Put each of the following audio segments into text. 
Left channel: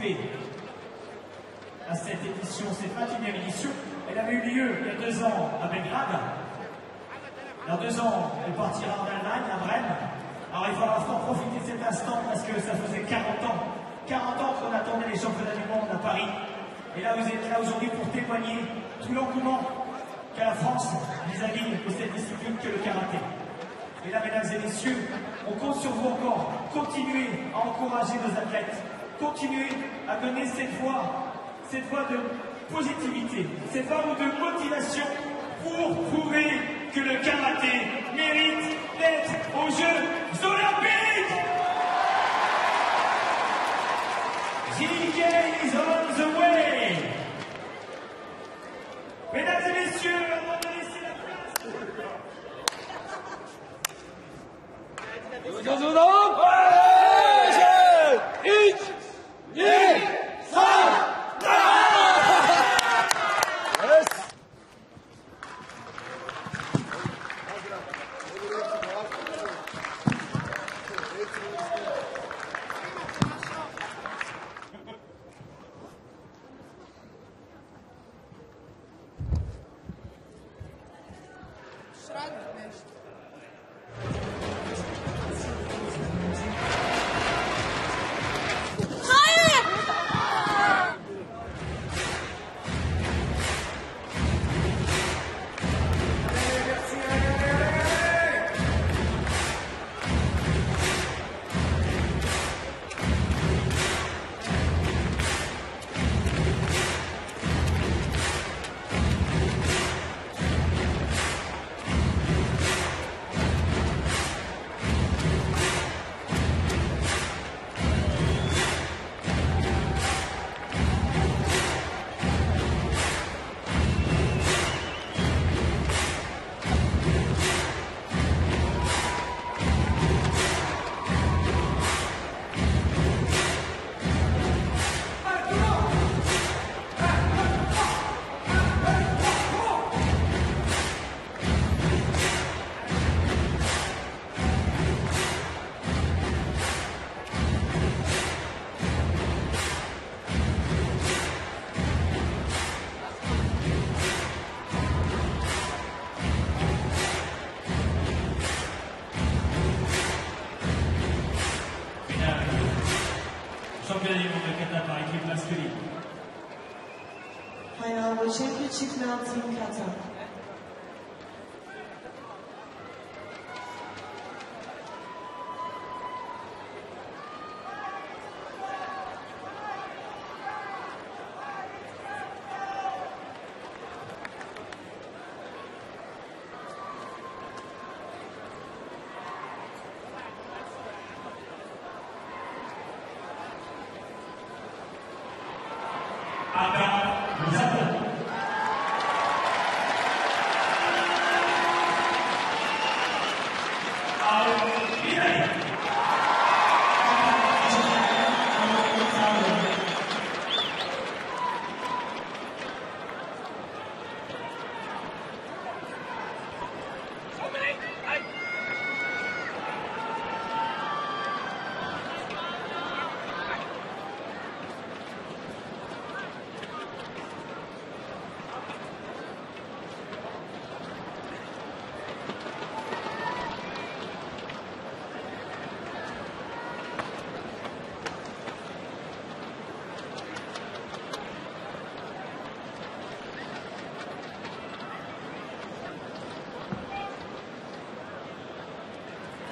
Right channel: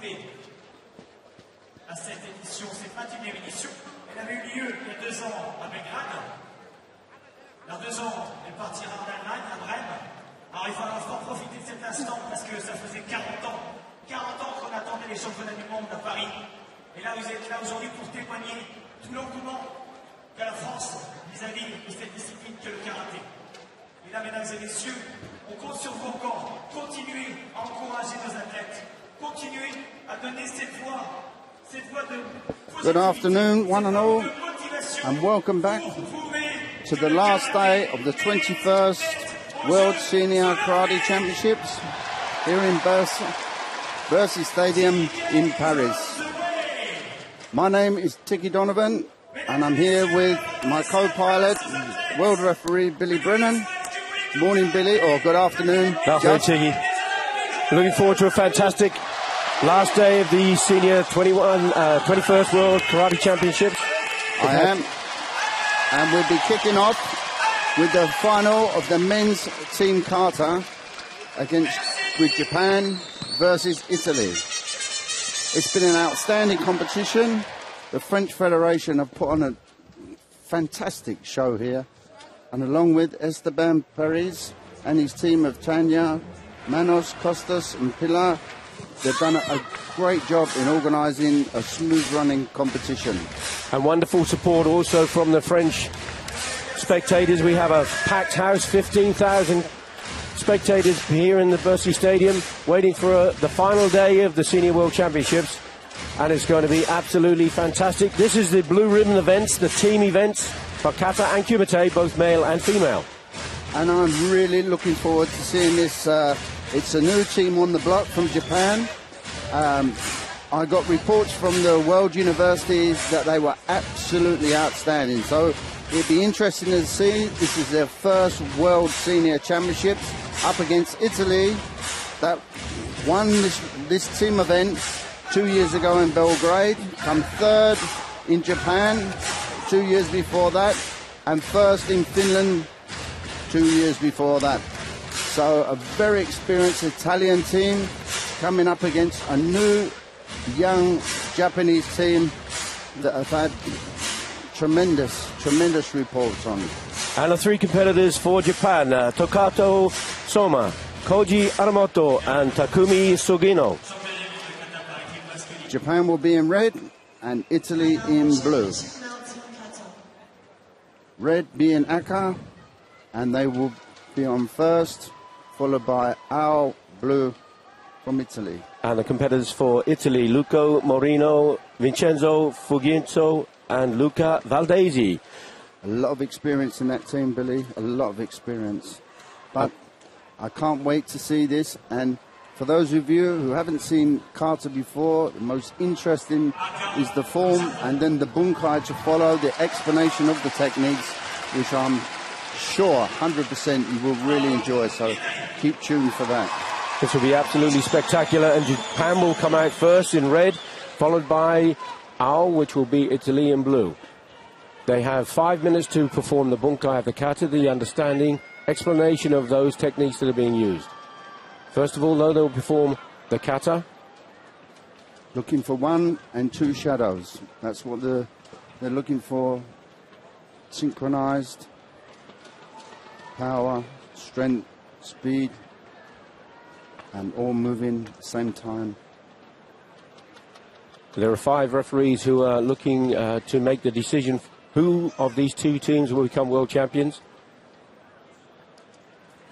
participer à cette édition, cette 21e édition. Elle avait eu lieu il y a 2 ans à Belgrade. Dans 2 ans, elle partira en Allemagne, à Brême. Alors il faudra fort profiter de cet instant parce que ça faisait 40 ans qu'on attendait les championnats du monde à Paris. Et là, vous êtes là aujourd'hui pour témoigner tout l'engouement qu'a la France vis-à-vis de cette discipline que le karaté. Et là, mesdames et messieurs, on compte sur vous encore. Continuez à encourager nos athlètes. Continuez à donner cette voix de positivité. Good afternoon, one and all, and welcome back to the last day of the 21st World Senior Karate Championships here in Bercy Stadium in Paris. My name is Tiki Donovan, and I'm here with my co-pilot, world referee Billy Brennan. Morning, Billy, or good afternoon. Good afternoon, Tiki. Looking forward to a fantastic last day of the Senior 21st World Karate Championships. I am. And we'll be kicking off with the final of the men's team kata with Japan versus Italy. It's been an outstanding competition. The French Federation have put on a fantastic show here. And along with Esteban Perez and his team of Tanya, Manos, Costas and Pilar, they've done a great job in organising a smooth-running competition. And wonderful support also from the French spectators. We have a packed house, 15,000 spectators here in the Bercy Stadium, waiting for the final day of the Senior World Championships. And it's going to be absolutely fantastic. This is the Blue Ribbon events, the team events for kata and kumite, both male and female. And I'm really looking forward to seeing this. It's a new team on the block from Japan. I got reports from the world universities that they were absolutely outstanding. So it'll be interesting to see. This is their first World Senior Championships up against Italy that won this team event 2 years ago in Belgrade, come third in Japan 2 years before that, and first in Finland 2 years before that. So a very experienced Italian team coming up against a new young Japanese team that have had tremendous reports on it. And the 3 competitors for Japan, Tokato Soma, Koji Aramoto and Takumi Sugino. Japan will be in red and Italy in blue. Red being Aka, and they will be on first, followed by Al Blue from Italy. And the competitors for Italy, Luca Morino, Vincenzo Fuginzo and Luca Valdesi. A lot of experience in that team, Billy, a lot of experience. But I can't wait to see this, and for those of you who haven't seen kata before, the most interesting is the form and then the bunkai to follow, the explanation of the techniques, which I'm sure 100% you will really enjoy, so keep tuned for that. This will be absolutely spectacular, and Japan will come out first in red, followed by Ao, which will be Italy in blue. They have 5 minutes to perform the bunkai of the kata, the understanding, explanation of those techniques that are being used. First of all, though, they'll perform the kata. Looking for 1 and 2 shadows. That's what they're looking for. Synchronized power, strength, speed, and all moving at the same time. There are 5 referees who are looking to make the decision who of these 2 teams will become world champions.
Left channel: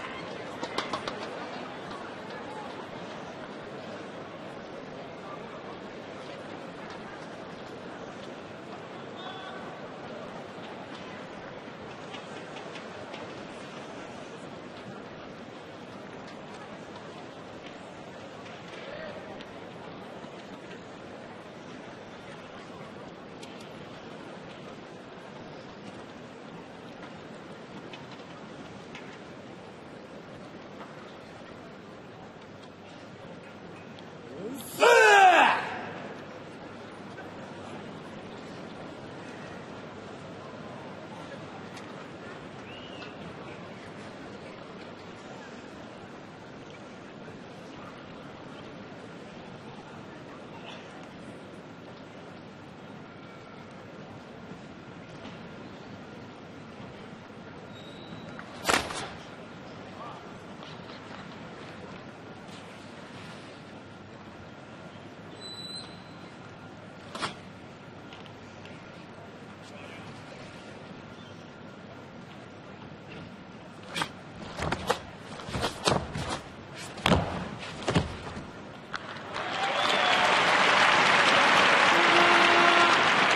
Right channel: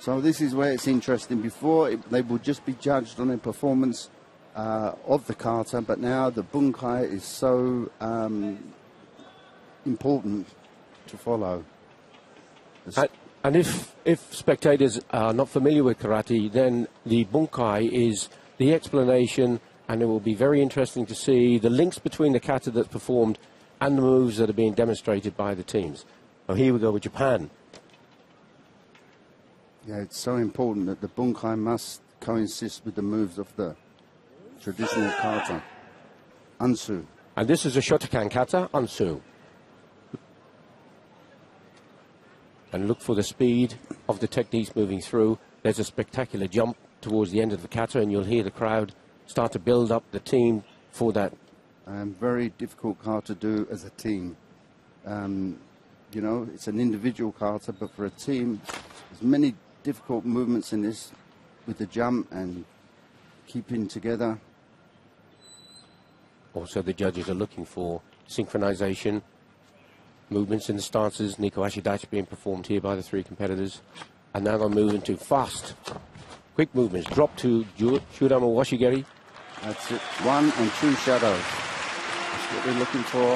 So this is where it's interesting. Before, they would just be judged on their performance of the kata, but now the bunkai is so important to follow. And if spectators are not familiar with karate, then the bunkai is the explanation, and it will be very interesting to see the links between the kata that's performed and the moves that are being demonstrated by the teams. Oh, here we go with Japan. Yeah, it's so important that the bunkai must coincide with the moves of the traditional kata. Ansu. And this is a Shotokan kata, Ansu. And look for the speed of the techniques moving through. There's a spectacular jump towards the end of the kata, and you'll hear the crowd start to build up the team for that. Very difficult kata to do as a team. You know, it's an individual kata, but for a team, many difficult movements in this with the jump and keeping together. Also, the judges are looking for synchronization, movements in the stances. Nico Ashidachi being performed here by the three competitors. And now they're moving to fast, quick movements. Drop to Shurama Washigeri. That's it. 1 and 2 shadows. What we're looking for.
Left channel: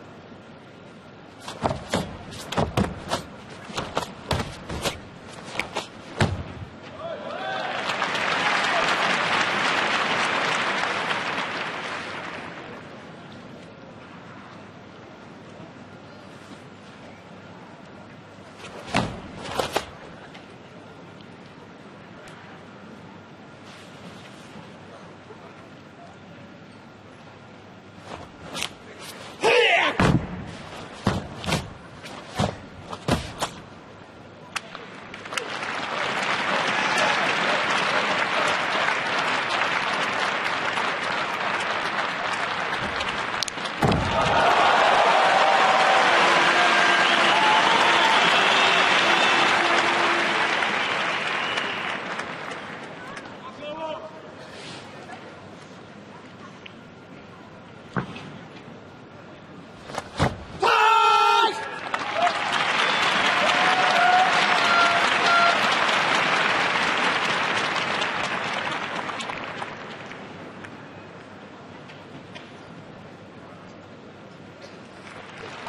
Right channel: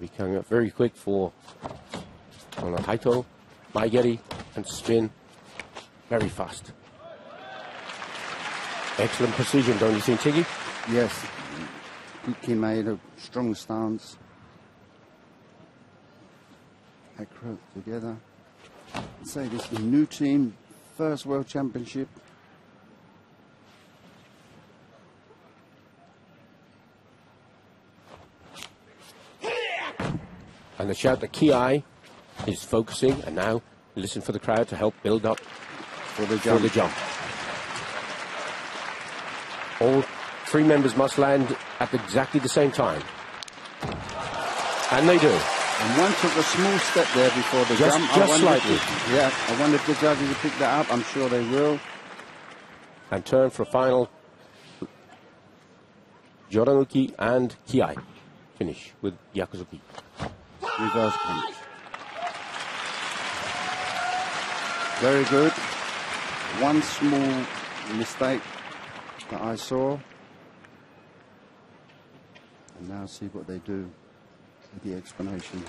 He's coming up very quick for Haito, Maigeri, and spin. Very fast. Excellent precision, don't you think, Tiggy? Yes. He made a strong stance. Together. So this is the new team, first World Championship. And the shout that Kiai is focusing, and now listen for the crowd to help build up for the jump. All three members must land at exactly the same time. And they do. And one took a small step there before the jump. Just slightly. Yeah, I wonder if they're ready to pick that up. I'm sure they will. And turn for final. Joranuki and Kiai finish with Yakuzuki. Very good. One small mistake that I saw. Now see what they do. The explanation.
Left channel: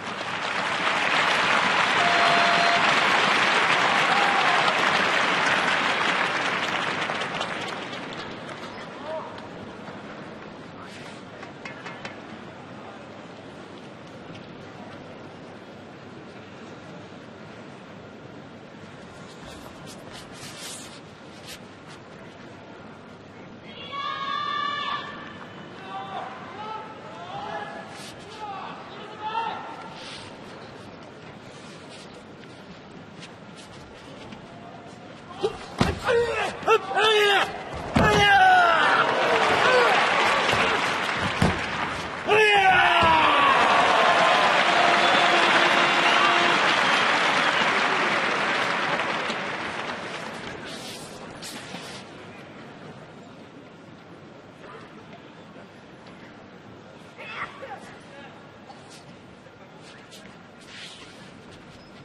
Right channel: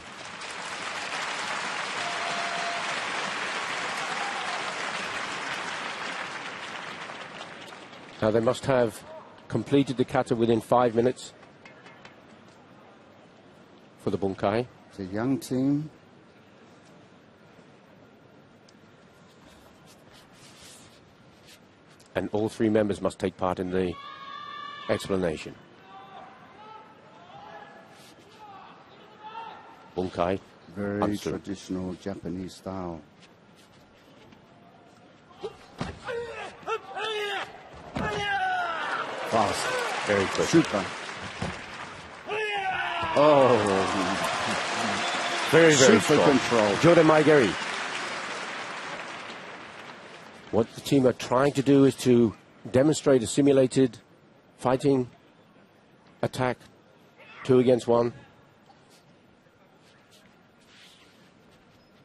Now they must have completed the kata within 5 minutes for the bunkai. The young team. And all three members must take part in the explanation. Bunkai. Very Hansu. traditional Japanese style. Very Super strong. control. Good at my game. What the team are trying to do is to demonstrate a simulated fighting attack, 2 against 1.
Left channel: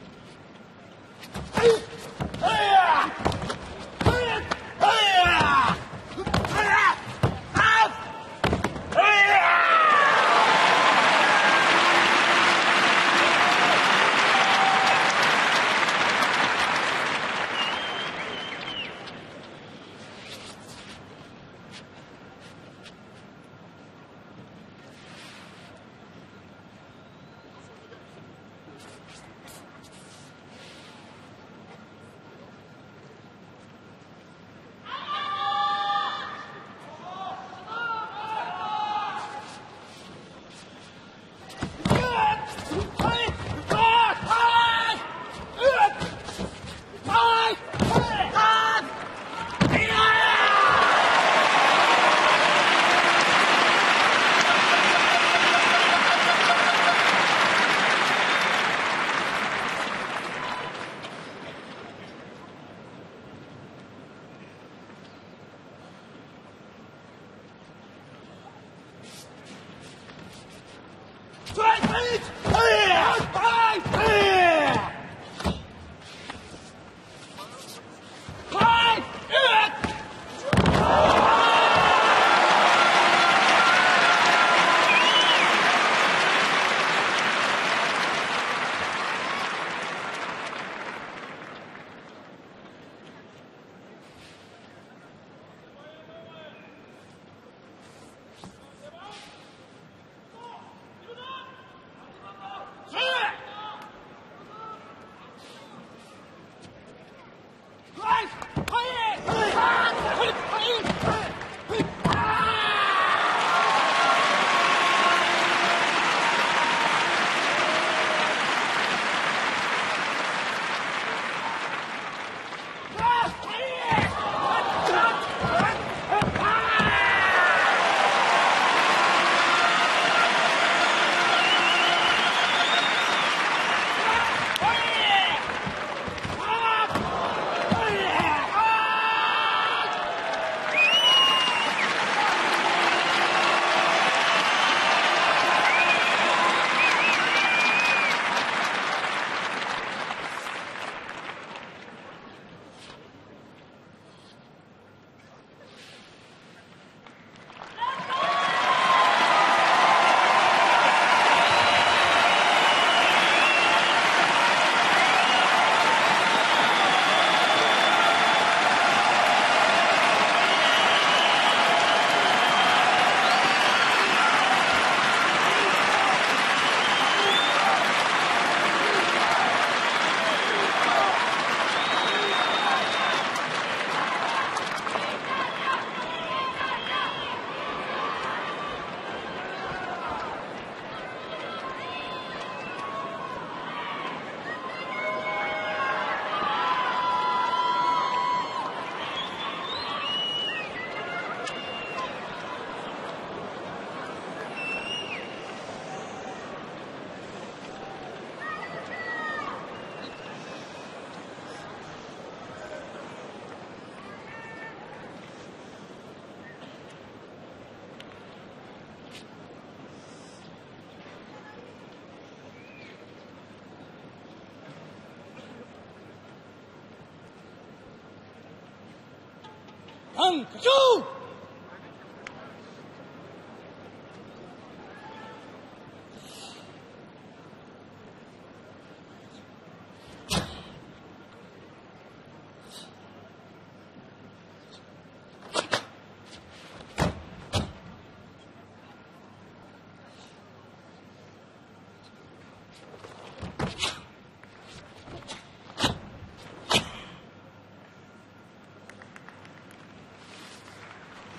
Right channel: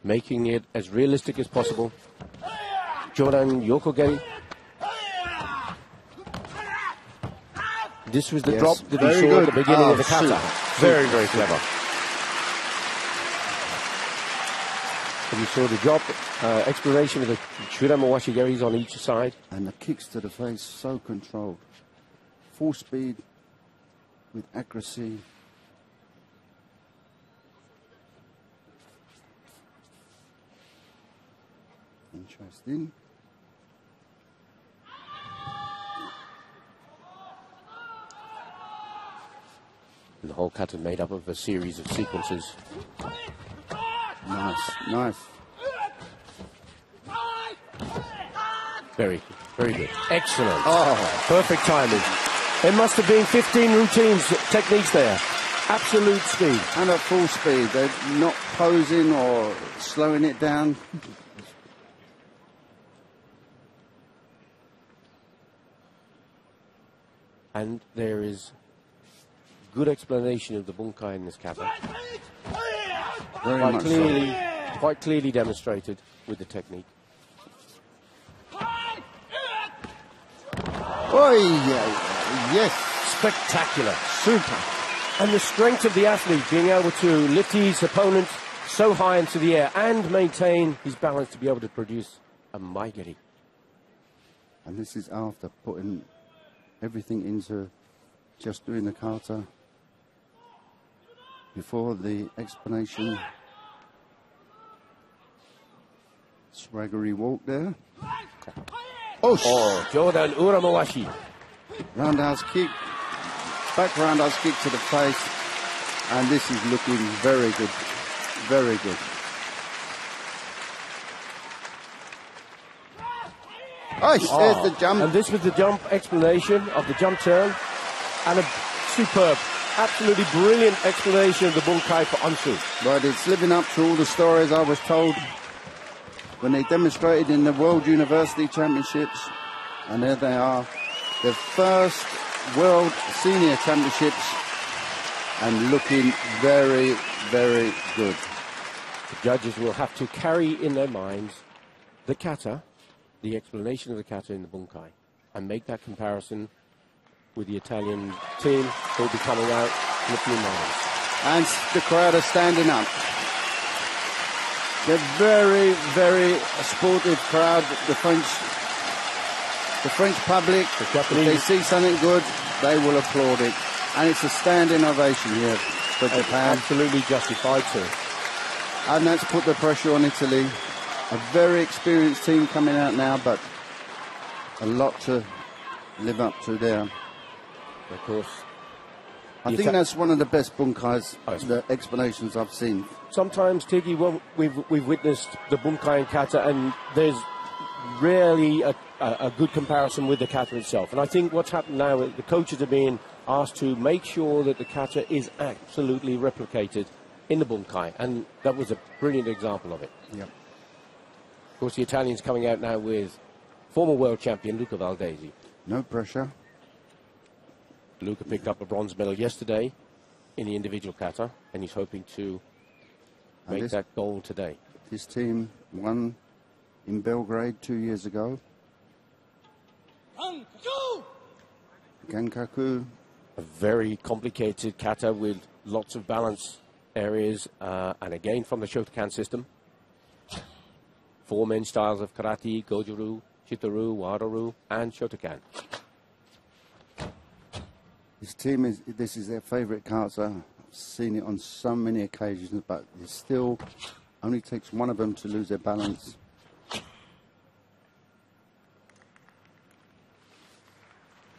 Making it as realistic as possible. Jordan Yokogen. This was the drop that we saw at the beginning of the kata. Very, very clever. And you saw the drop, exploration of the Shurama Washigeris on each side. And the kicks to the face, so controlled. Full speed with accuracy. Interesting. And the whole kata made up of a series of sequences. Nice. Very, very excellent. Oh, perfect timing. There must have been 15 routines, techniques there. Absolute speed. And at full speed. They're not posing or slowing it down. And there is good explanation of the bunkai in this kata. Quite clearly demonstrated with the technique. Oh, yes. Spectacular, super. And the strength of the athlete being able to lift his opponent so high into the air and maintain his balance to be able to produce a maigeri. And this is after putting everything into just doing the kata. Before the explanation. Swaggery walk there. Oh, Jordan Uramawashi. Roundhouse kick. Back roundhouse kick to the face. And this is looking very good. Very good. Oh, there's the jump. And this was the jump explanation of the jump turn. And a superb, absolutely brilliant explanation of the bunkai for Ansu. Well, it's living up to all the stories I was told when they demonstrated in the World University Championships. And there they are, the first World Senior Championships, and looking very, very good. Judges will have to carry in their minds the kata, the explanation of the kata in the bunkai, and make that comparison with the Italian team who will be coming out looking nice. And the crowd are standing up. They're very, very supportive crowd, the French public. If they see something good, they will applaud it. And it's a standing ovation here for Japan. Absolutely justified to it. And that's put the pressure on Italy. A very experienced team coming out now, but a lot to live up to there. Of course. I think that's one of the best bunkais, the explanations I've seen. Sometimes, Tiggy, we've witnessed the bunkai and kata, and there's rarely a good comparison with the kata itself. And I think what's happened now is the coaches are being asked to make sure that the kata is absolutely replicated in the bunkai, and that was a brilliant example of it. Yeah. Of course, the Italians coming out now with former world champion Luca Valdesi. No pressure. Luca picked up a bronze medal yesterday in the individual kata, and he's hoping to make that goal today. His team won in Belgrade 2 years ago. Gankaku. A very complicated kata with lots of balance areas, and again from the Shotokan system. 4 main styles of karate: Goju-ryu, Chito-ryu, Wado-ryu, and Shotokan. His team this is their favourite kata. I've seen it on so many occasions, but it still only takes one of them to lose their balance.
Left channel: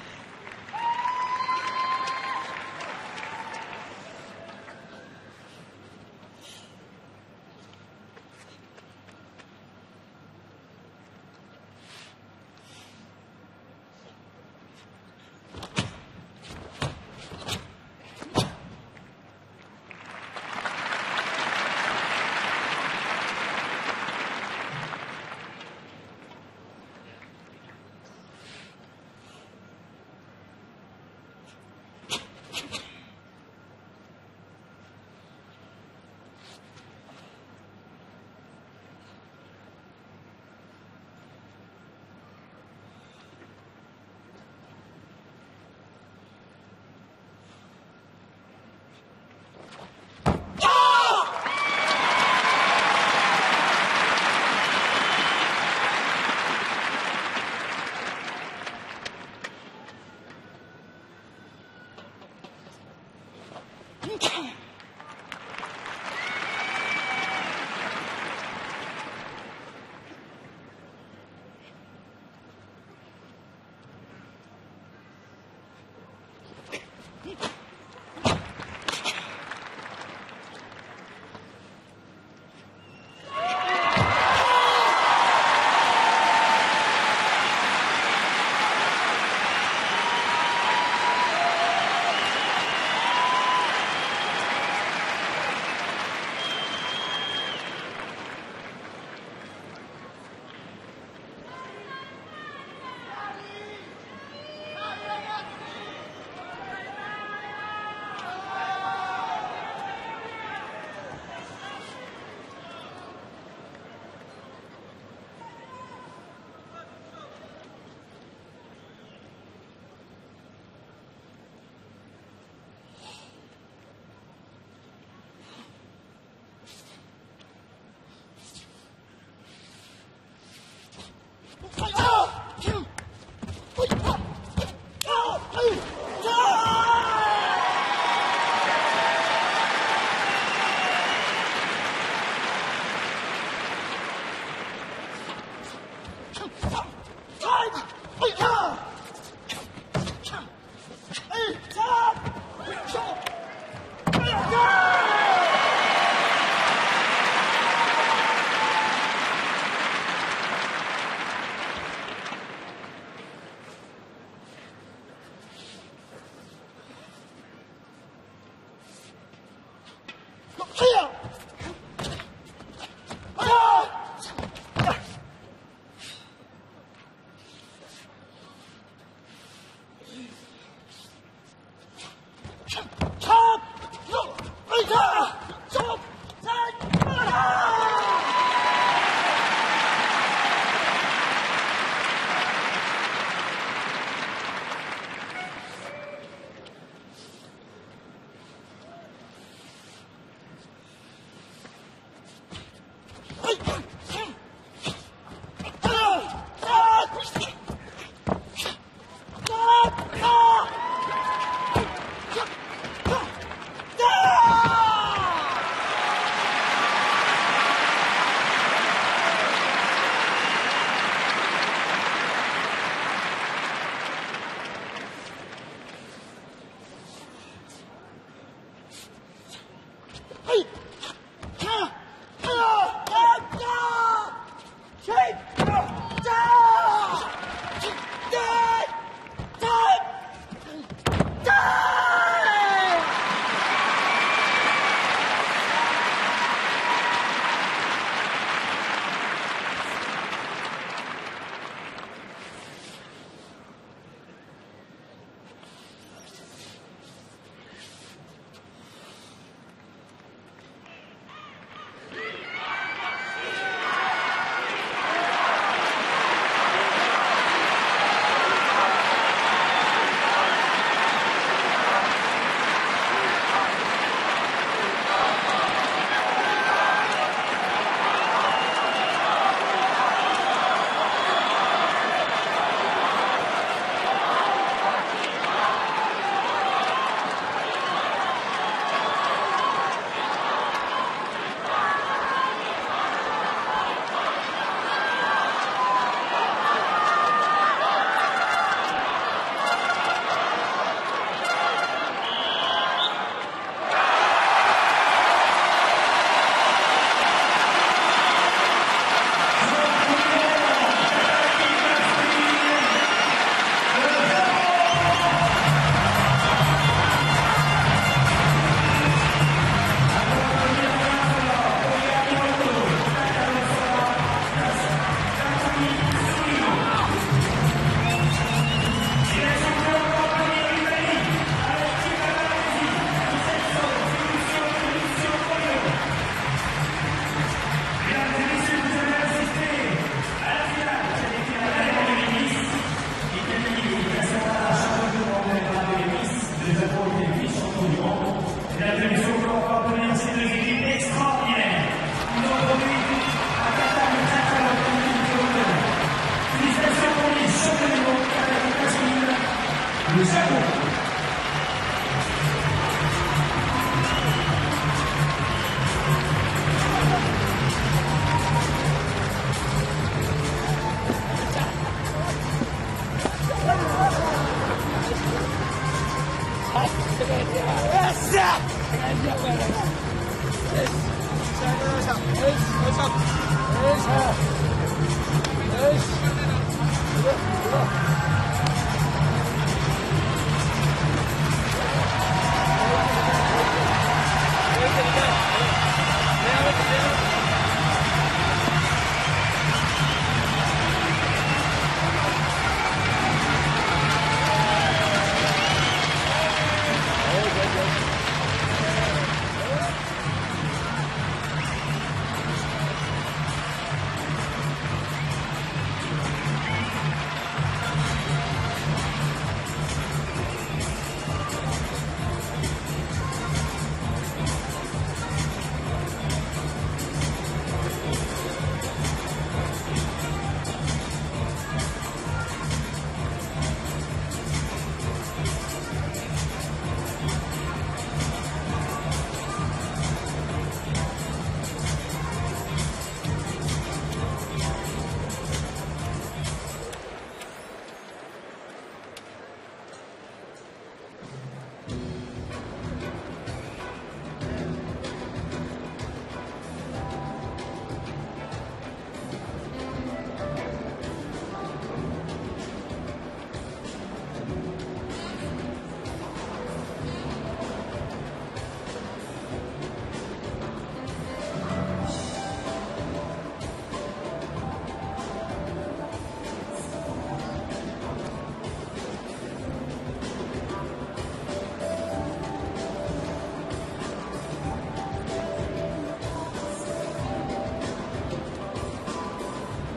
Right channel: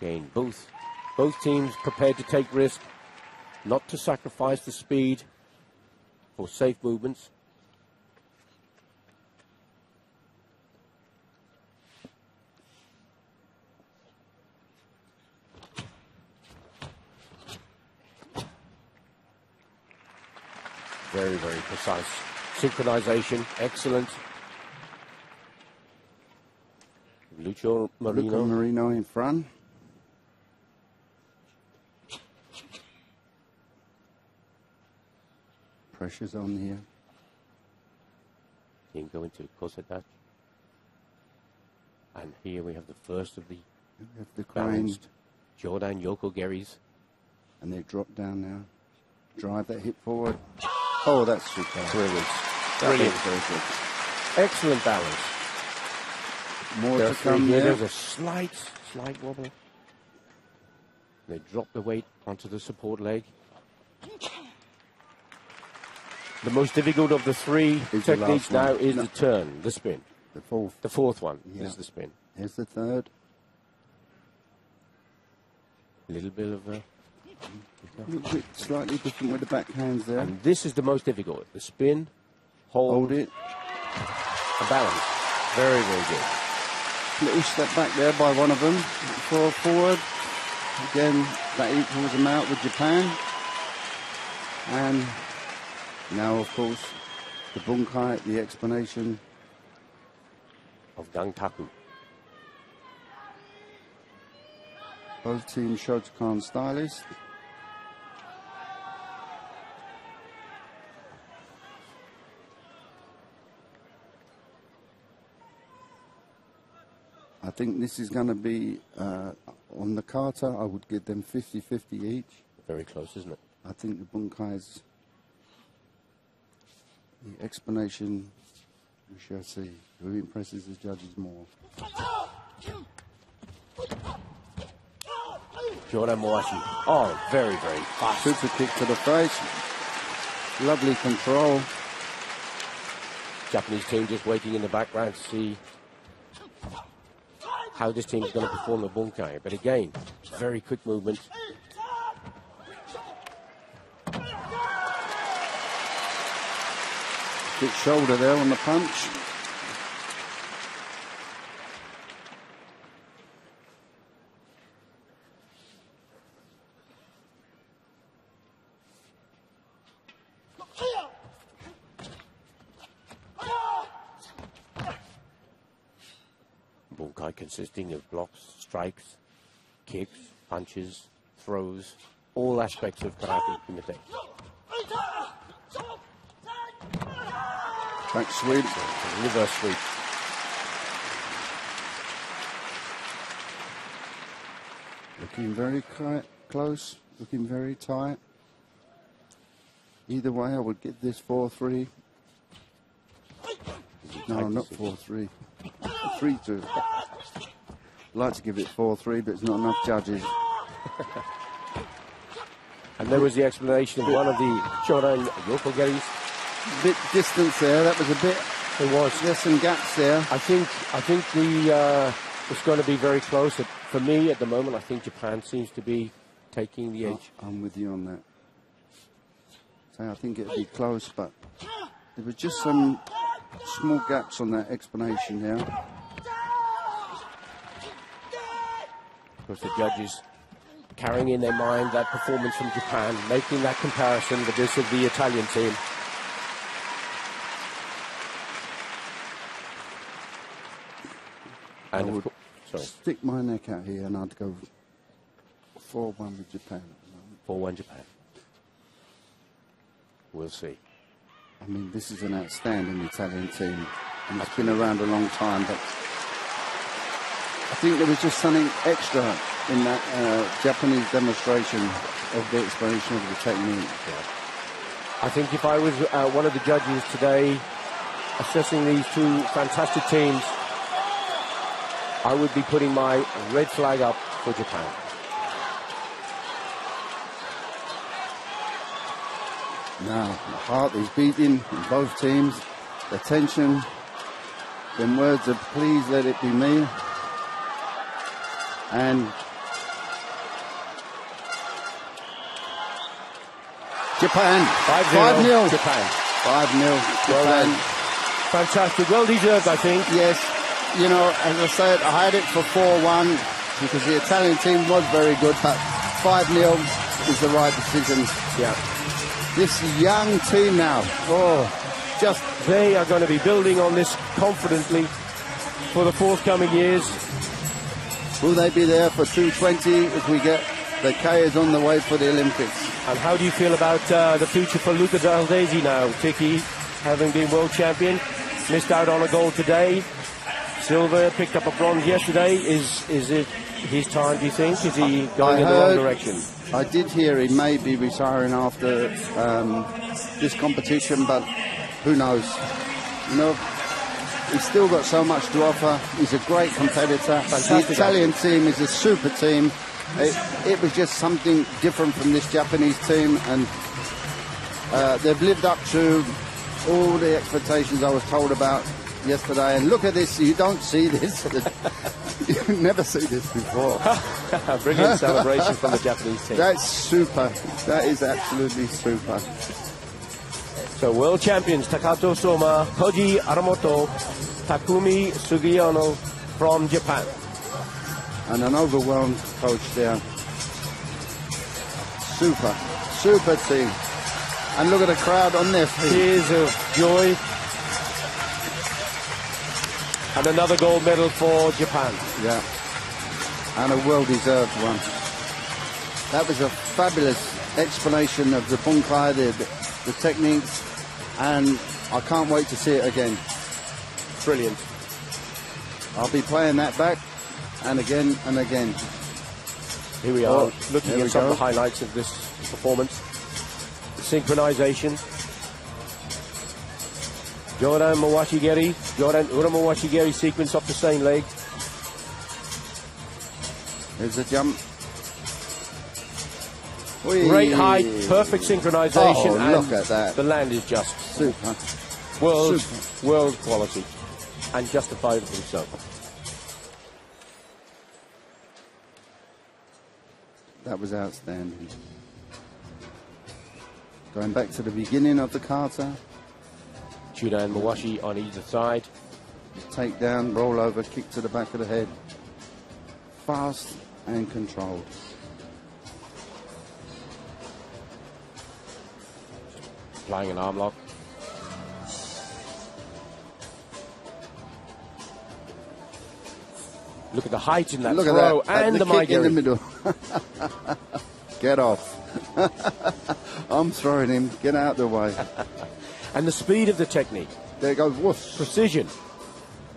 Again, both teams prepared to take risk, not to sacrifice the speed for safe movements. Very, very precise. Synchronization, excellent. Lucio Marino in front. Pressure's on here. He's going to cross it back. And here we have the first of the balanced Jordan Yoko Geris. And they drop down now. Drive that hip forward. Oh, that's brilliant. Brilliant. Excellent balance. More to come there. There's a slight wobble. They drop the weight onto the support leg. The most difficult of the 3 techniques now is the turn, the spin. The fourth one is the spin. Here's the third. A little bit of a... Slightly different with the back hands there. And this is the most difficult. The spin, hold it. Balance. Very, very good. Little step back there by one of them. Forward. Again, that equals them out with Japan. And now, of course, the bunkai, the explanation of Gankaku. Both teams Shotokan stylists. I think this is going to be, on the kata, I would give them 50-50 each. Very close, isn't it? I think the bunkai's the explanation, shall I say, really impresses the judges more. Jordan Moasi. Oh, very, very fast. Super kick to the face. Lovely control. Japanese team just waiting in the background to see how this team is going to perform the bunkai. But again, very quick movement. Good shoulder there on the punch. consisting of blocks, strikes, kicks, punches, throws, all aspects of fighting in the bench. Front sweep, reverse sweep. Looking very close, looking very tight. Either way, I would get this 4-3. No, not 4-3. 3-2. I'd like to give it 4-3, but there's not enough judges. And there was the explanation of one of the Jordan Wilfagates. Bit distance there, that was a bit. There was. There's some gaps there. I think it's going to be very close. For me, at the moment, I think Japan seems to be taking the edge. I'm with you on that. So I think it's close, but there were just some small gaps on that explanation there. Because the judges carrying in their mind that performance from Japan, making that comparison with this of the Italian team. I would stick my neck out here and I'd go 4-1 with Japan. 4-1 Japan. We'll see. I mean, this is an outstanding Italian team. And it's been around a long time, but I think there was just something extra in that Japanese demonstration of the explanation of the technique. I think if I was one of the judges today, assessing these two fantastic teams, I would be putting my red flag up for Japan. Heart is beating in both teams. Attention. Some words of please let it be me. And Japan. 5-0. Japan. 5-0. Well done. Fantastic. Well deserved, I think. Yes. You know, as I said, I had it for 4-1 because the Italian team was very good, but 5-0 is the right decision. Yeah. This young team now, they are going to be building on this confidently for the forthcoming years. Will they be there for 220 if we get the Kayas on the way for the Olympics? And how do you feel about the future for Luca D'Ardesi now? Tiki, having been world champion, missed out on a gold today. Silver picked up a bronze yesterday. Is it his time, do you think? Is he going in the wrong direction? I did hear he may be retiring after this competition, but who knows? No, he's still got so much to offer. He's a great competitor, but the Italian team is a super team. It was just something different from this Japanese team, and they've lived up to all the expectations I was told about yesterday. And look at this, you don't see this. You never see this before. Brilliant celebration from the Japanese team. That's super. That is absolutely super. So world champions Takato Soma, Koji Aramoto, Takumi Sugiyama from Japan. And an overwhelmed coach there. Super team. And look at the crowd on this. Tears of joy. And another gold medal for Japan. Yeah. And a well-deserved one. That was a fabulous explanation of the Bunkai, the techniques, and I can't wait to see it again. Brilliant. I'll be playing that back, and again and again. Here we are, looking at some of the highlights of this performance. Synchronization. Joran Mawashigeri, Joran Uramawashigeri sequence off the same leg. There's a jump. Great height, perfect synchronization. Oh, look at that. The land is just super. World quality. And justified for himself. That was outstanding. Going back to the beginning of the kata. Judah and Mawashi on either side. Take down, roll over, kick to the back of the head. Fast and controlled. Flying an arm lock. Look at the height in that Look throw at that. and the the kick in the Maigeri. middle. Get off. I'm throwing him. Get out of the way. And the speed of the technique. There goes woof. Precision.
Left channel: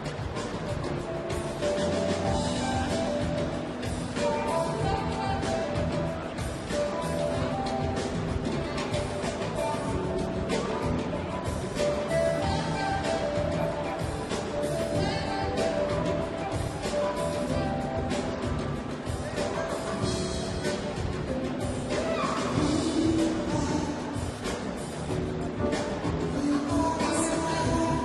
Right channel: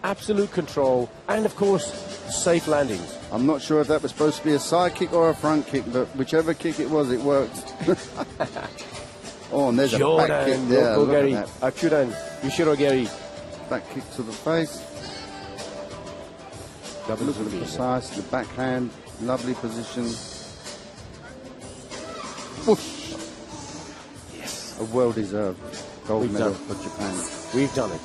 Absolute control. And, of course, safe landings. I'm not sure if that was supposed to be a side kick or a front kick, but whichever kick it was, it worked. Oh, and there's a back kick there. Look at that. Ishirogeri. Back kick to the face. Look at the size of the backhand. Lovely position. Whoosh. A well-deserved gold medal. We've done it.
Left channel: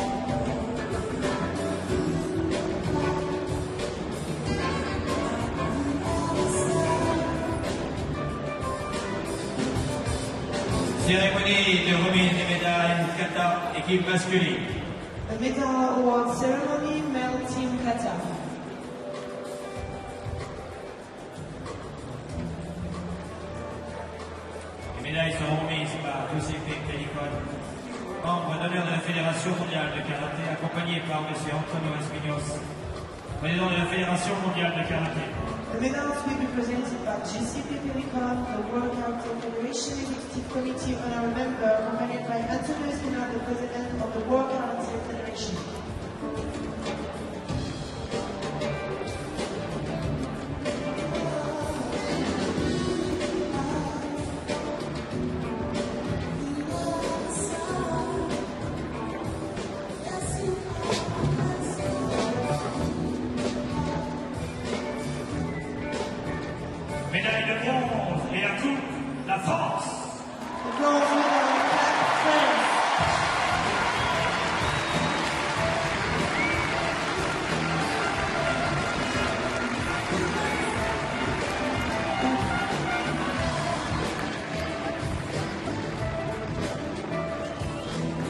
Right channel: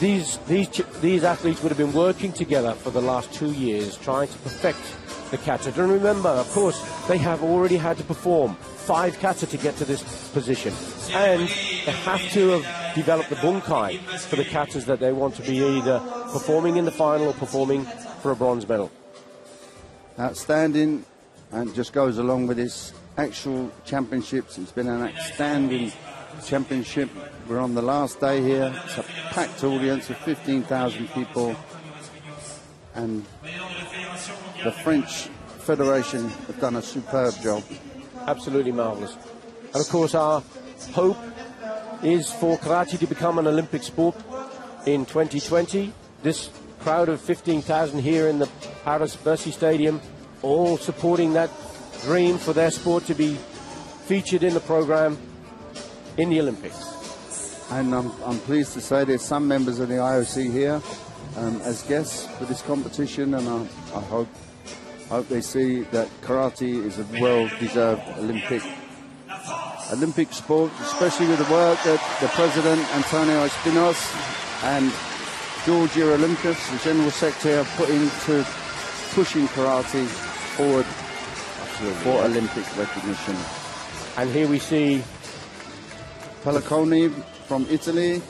These athletes would have been working together for the last 2 years, trying to perfect the kata. And remember, of course, they have already had to perform 5 kata to get to this position. And they have to have developed a bunkai for the katas that they want to be either performing in the final or performing for a bronze medal. Outstanding, and just goes along with this actual championships. It's been an outstanding championship. We're on the last day here. It's a packed audience of 15,000 people, and the French Federation have done a superb job. Absolutely marvellous. And of course our hope is for karate to become an Olympic sport in 2020. This crowd of 15,000 here in the Paris Bercy Stadium, all supporting that dream for their sport to be featured in the program in the Olympics. And I'm pleased to say there's some members of the IOC here as guests for this competition, and I hope they see that karate is a well-deserved Olympic sport, especially with the work that the President, Antonio Espinos, and Georgia Olympus, the General Secretary, have put into pushing karate forward for Olympic recognition. And here we see Pelliconi from Italy,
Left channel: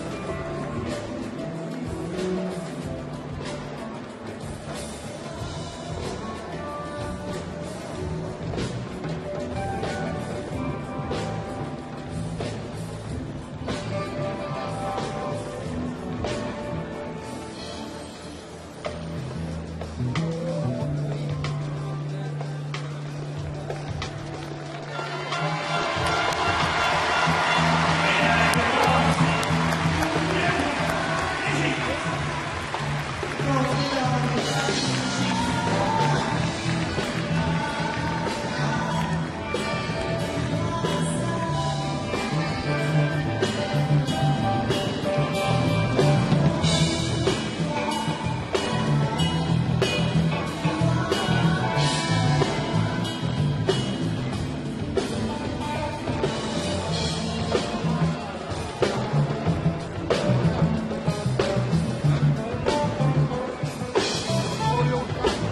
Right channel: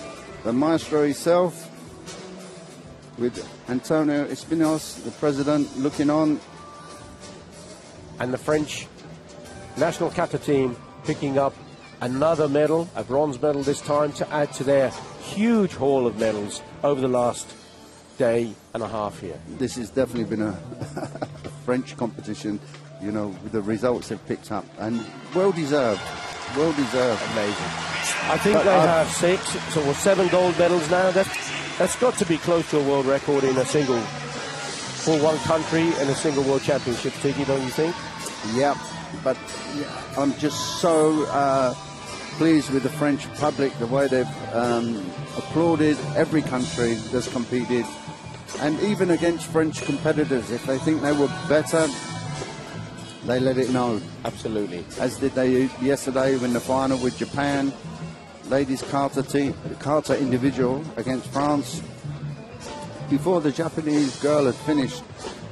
the maestro himself, with Antonio Espinos, the President, looking on. And the French national kata team picking up another medal, a bronze medal this time, to add to their huge haul of medals over the last day and a half here. This has definitely been a French competition. You know, the results have picked up, and well-deserved. I think they have 6 or 7 gold medals now. That's got to be close to a world record in a single, for one country and a single world championship, don't you think? Yeah, but I'm just so pleased with the French Republic, the way they've applauded every country that's competed, and even against French competitors, if they think they were better, they let it know. Absolutely. As did they yesterday in the final with Japan. Ladies kata team, kata individual against France. Before the Japanese girl had finished,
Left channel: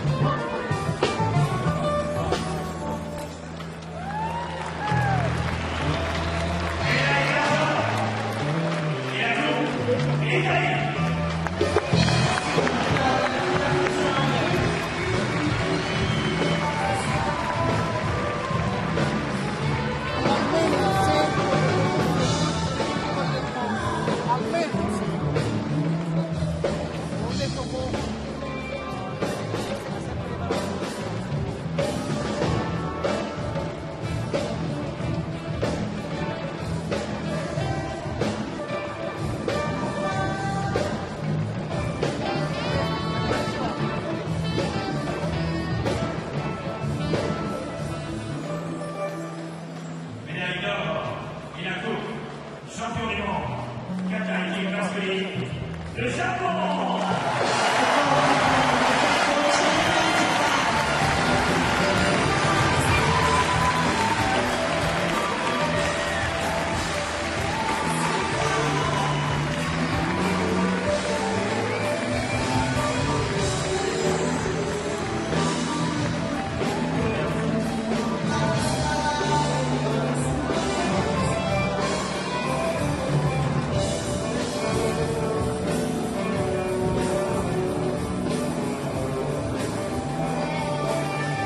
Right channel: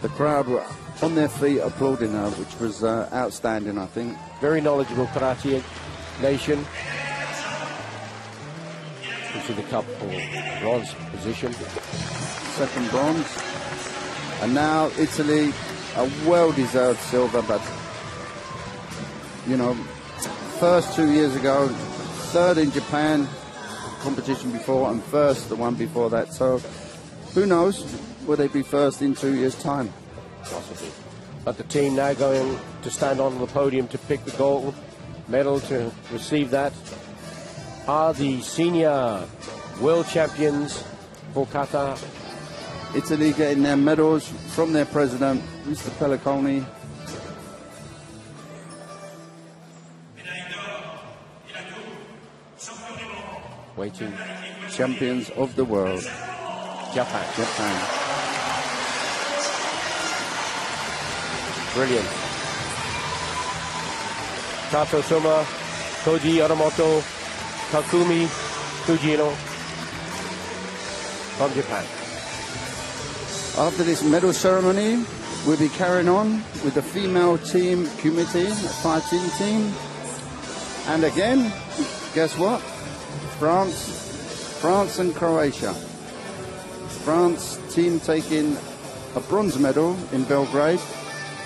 the crowd were on their feet applauding her, which was outstanding, I think. Very knowledgeable karate nation. Bronze position. Second bronze. And now Italy, a well-deserved silver, but you know, first 2 years ago, third in Japan, competition before, and first the one before that. So who knows, will they be first in 2 years' time? But the team now going to stand on the podium to pick the gold medal to receive that are the senior world champions for kata. Italy getting their medals from their president, Mr. Pelliconi. Waiting. Champions of the world. Japan. Brilliant. Kato Shoma, Koji Aramoto, Takumi Fujino. After this medal ceremony, we'll be carrying on with the female team committee, the fighting team. And again, guess what? France and Croatia. France team taking a bronze medal in Belgrade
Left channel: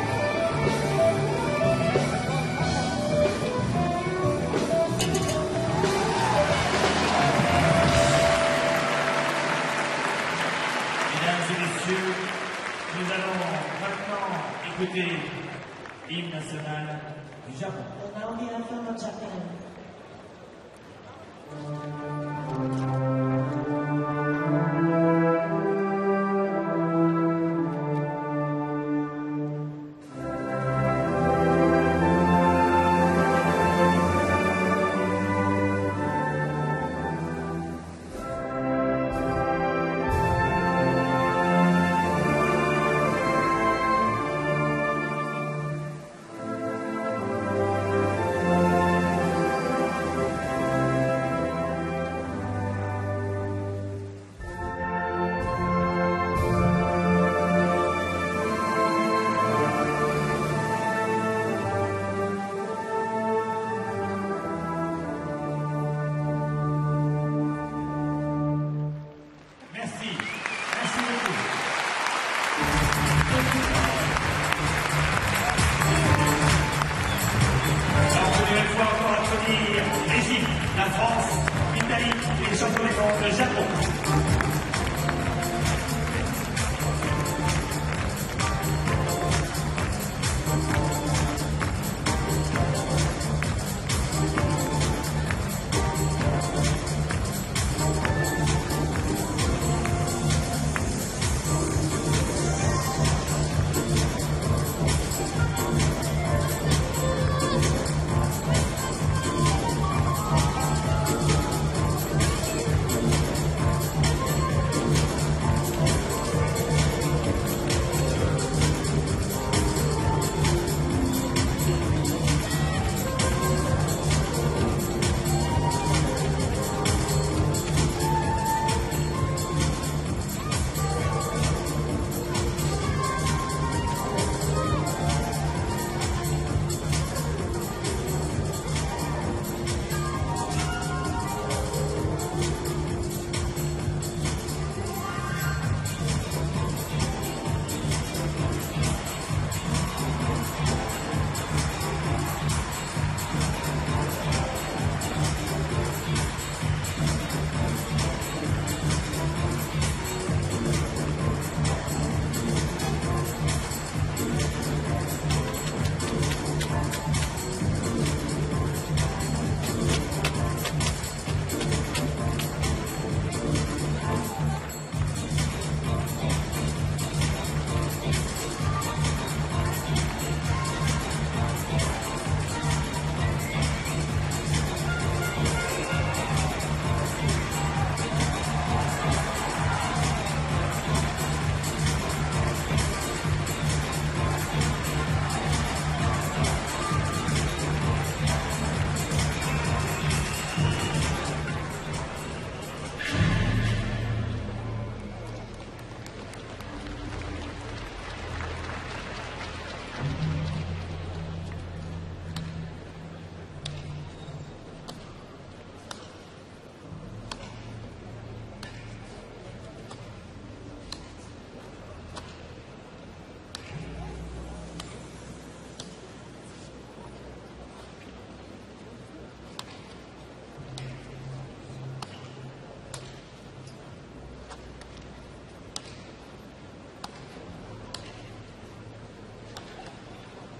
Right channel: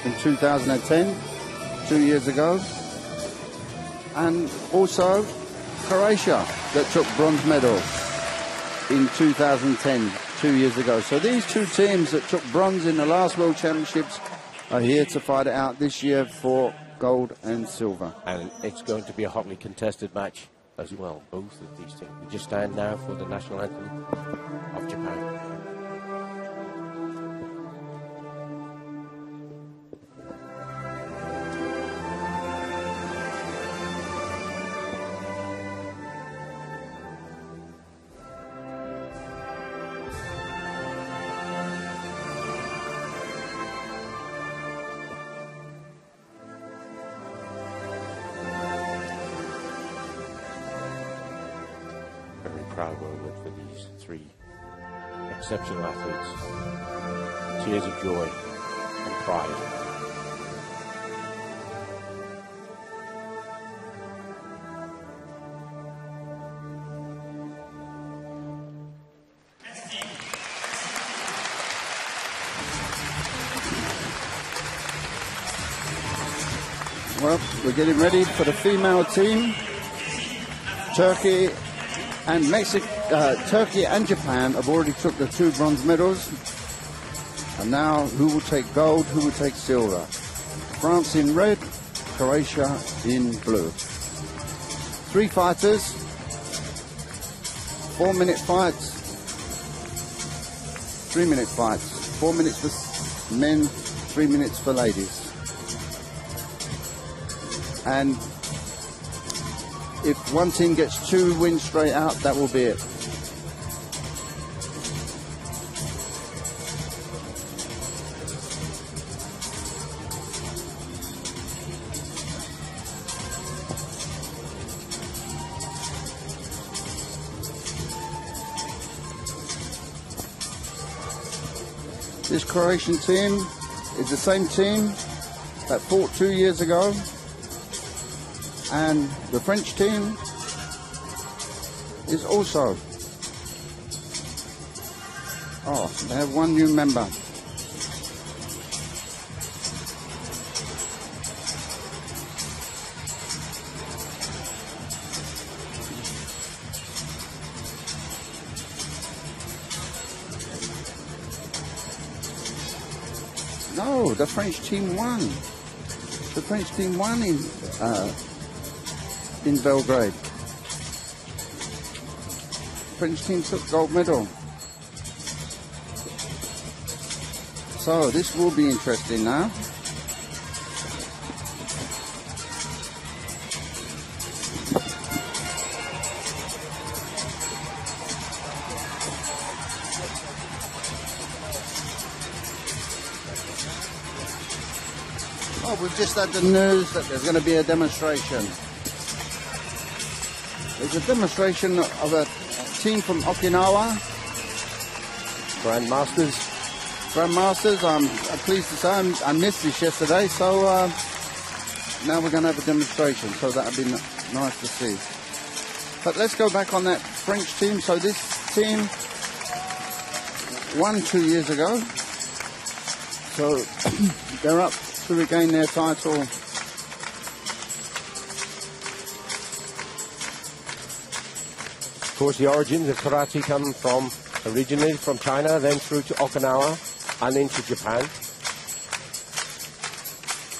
in 2010, 2 years ago. And also Croatia that took bronze medal in 2010, 2 years ago. So these two teams that took bronze in the last World Championships are here to fight it out this year for gold and silver. And it's going to be a hotly contested match as well. Both of these two just stand now for the national anthem of Japan. Well, we're getting ready for the female team. Turkey and Mexico, Turkey and Japan have already took the 2 bronze medals. And now, who will take gold? Who will take silver? France in red, Croatia in blue. 3 fighters, 4-minute fights, 3-minute fights, 4 minutes for men, 3 minutes for ladies. And if one team gets 2 wins straight out, that will be it. This Croatian team is the same team that fought 2 years ago. And the French team is also, they have 1 new member. No, the French team won. The French team won in Belgrade. French team took gold medal. So this will be interesting now. Oh, we've just had the news that there's going to be a demonstration. It's a demonstration of a team from Okinawa. Grandmasters. I'm pleased to say I missed this yesterday, so now we're going to have a demonstration, so that'll be nice to see. But let's go back on that French team. So this team won 2 years ago, so they're up to regain their title. Of course, the origins of karate come from originally from China, then through to Okinawa and into Japan.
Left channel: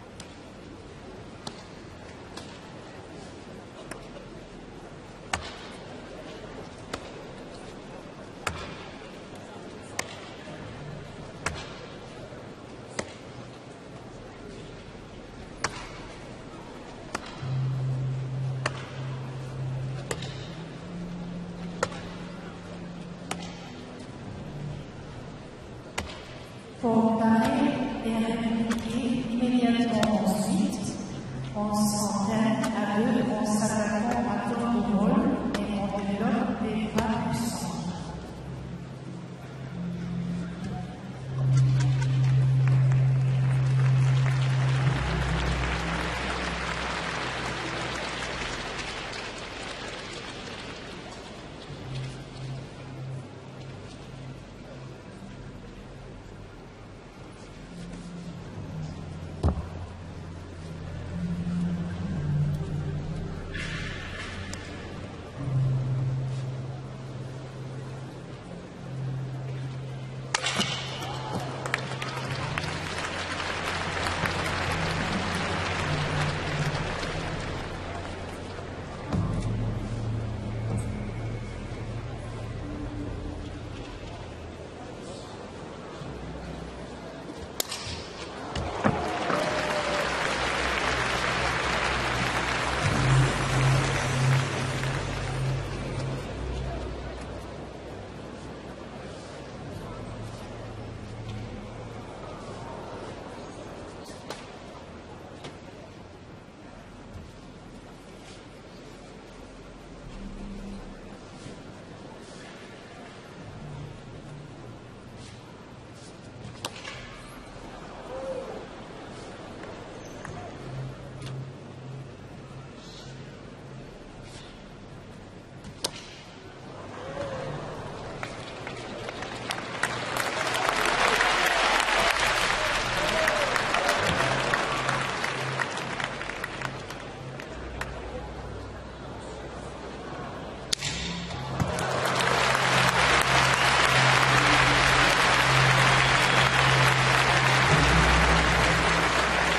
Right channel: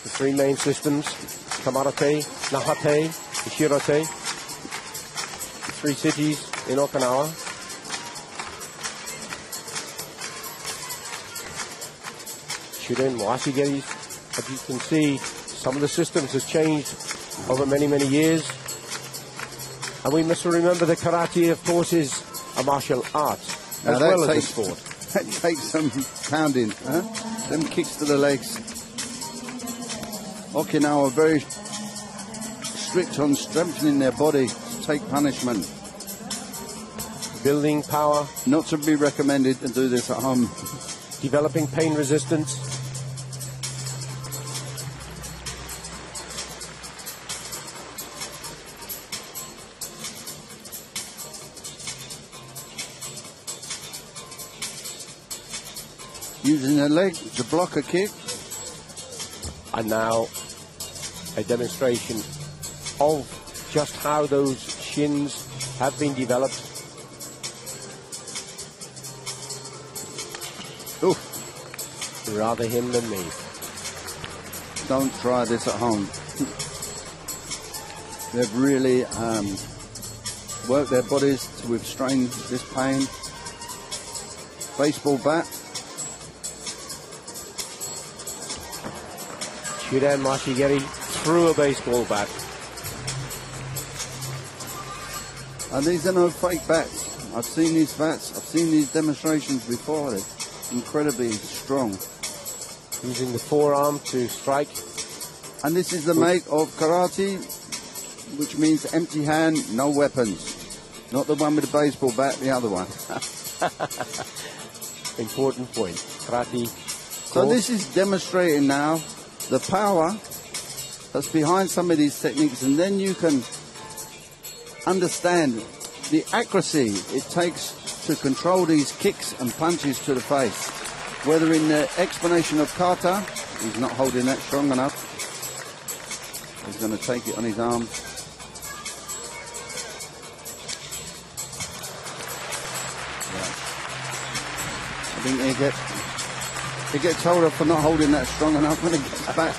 The 3 main systems: Kamarate, Nahate, Shirate. 3 cities in Okinawa. Shirin, Wasigeris. But you can see some of the systems has changed over many, many years. And we must remember that karate, of course, is a martial art as well as a sport. That takes some pounding, and kicks to the legs. Okinawa very strict on strengthening their body to take punishment. Building power. Not to be recommended to do this at home. Developing pain resistance. Using their leg to block a kick. And now a demonstration of just how those shins have been developed. Ooh. Rather him than me. Don't try this at home. They've really worked their bodies to withstand this pain. Baseball bat. Hiran Mashigeri threw a baseball bat. And these are no fake bats. I've seen these bats. I've seen these demonstrations before. They're incredibly strong. Using the forearm to strike. And this is the make of karate, which means empty hand, no weapons. Not the one with the baseball bat, the other one. Important point. Karate. So this is demonstrating now the power that's behind some of these techniques, and then you can understand the accuracy it takes to control these kicks and punches to the face. Whether in the explanation of kata, he's not holding that strong enough. He's going to take it on his arm. He gets told off for not holding that strong enough. Back.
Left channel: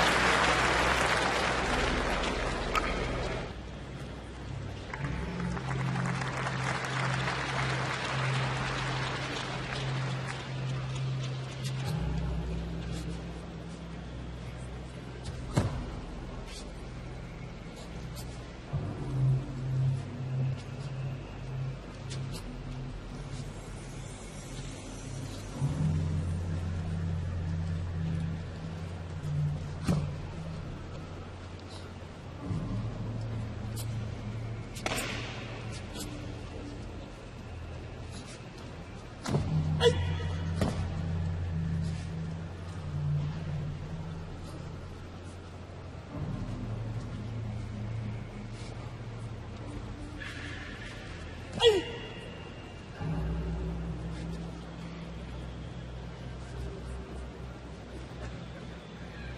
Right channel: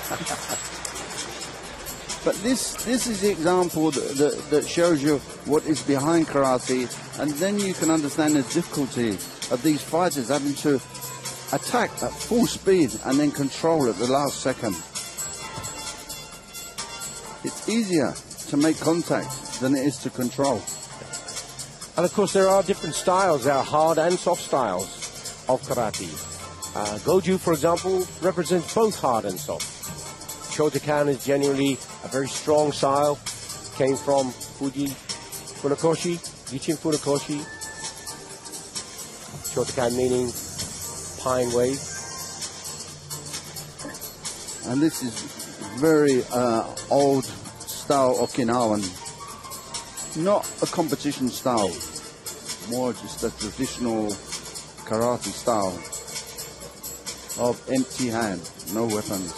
But this is the example that shows you what is behind karate, and then you can understand the difficulty of these fighters having to attack at full speed and then control at the last second. It's easier to make contact than it is to control. And of course there are different styles. There are hard and soft styles of karate. Goju, for example, represents both hard and soft. Shotokan is generally a very strong style. Came from Funakoshi, Gichin Funakoshi. Shotokan meaning pine wave. And this is very old style Okinawan. Not a competition style, more just a traditional karate style of empty hand, no weapons.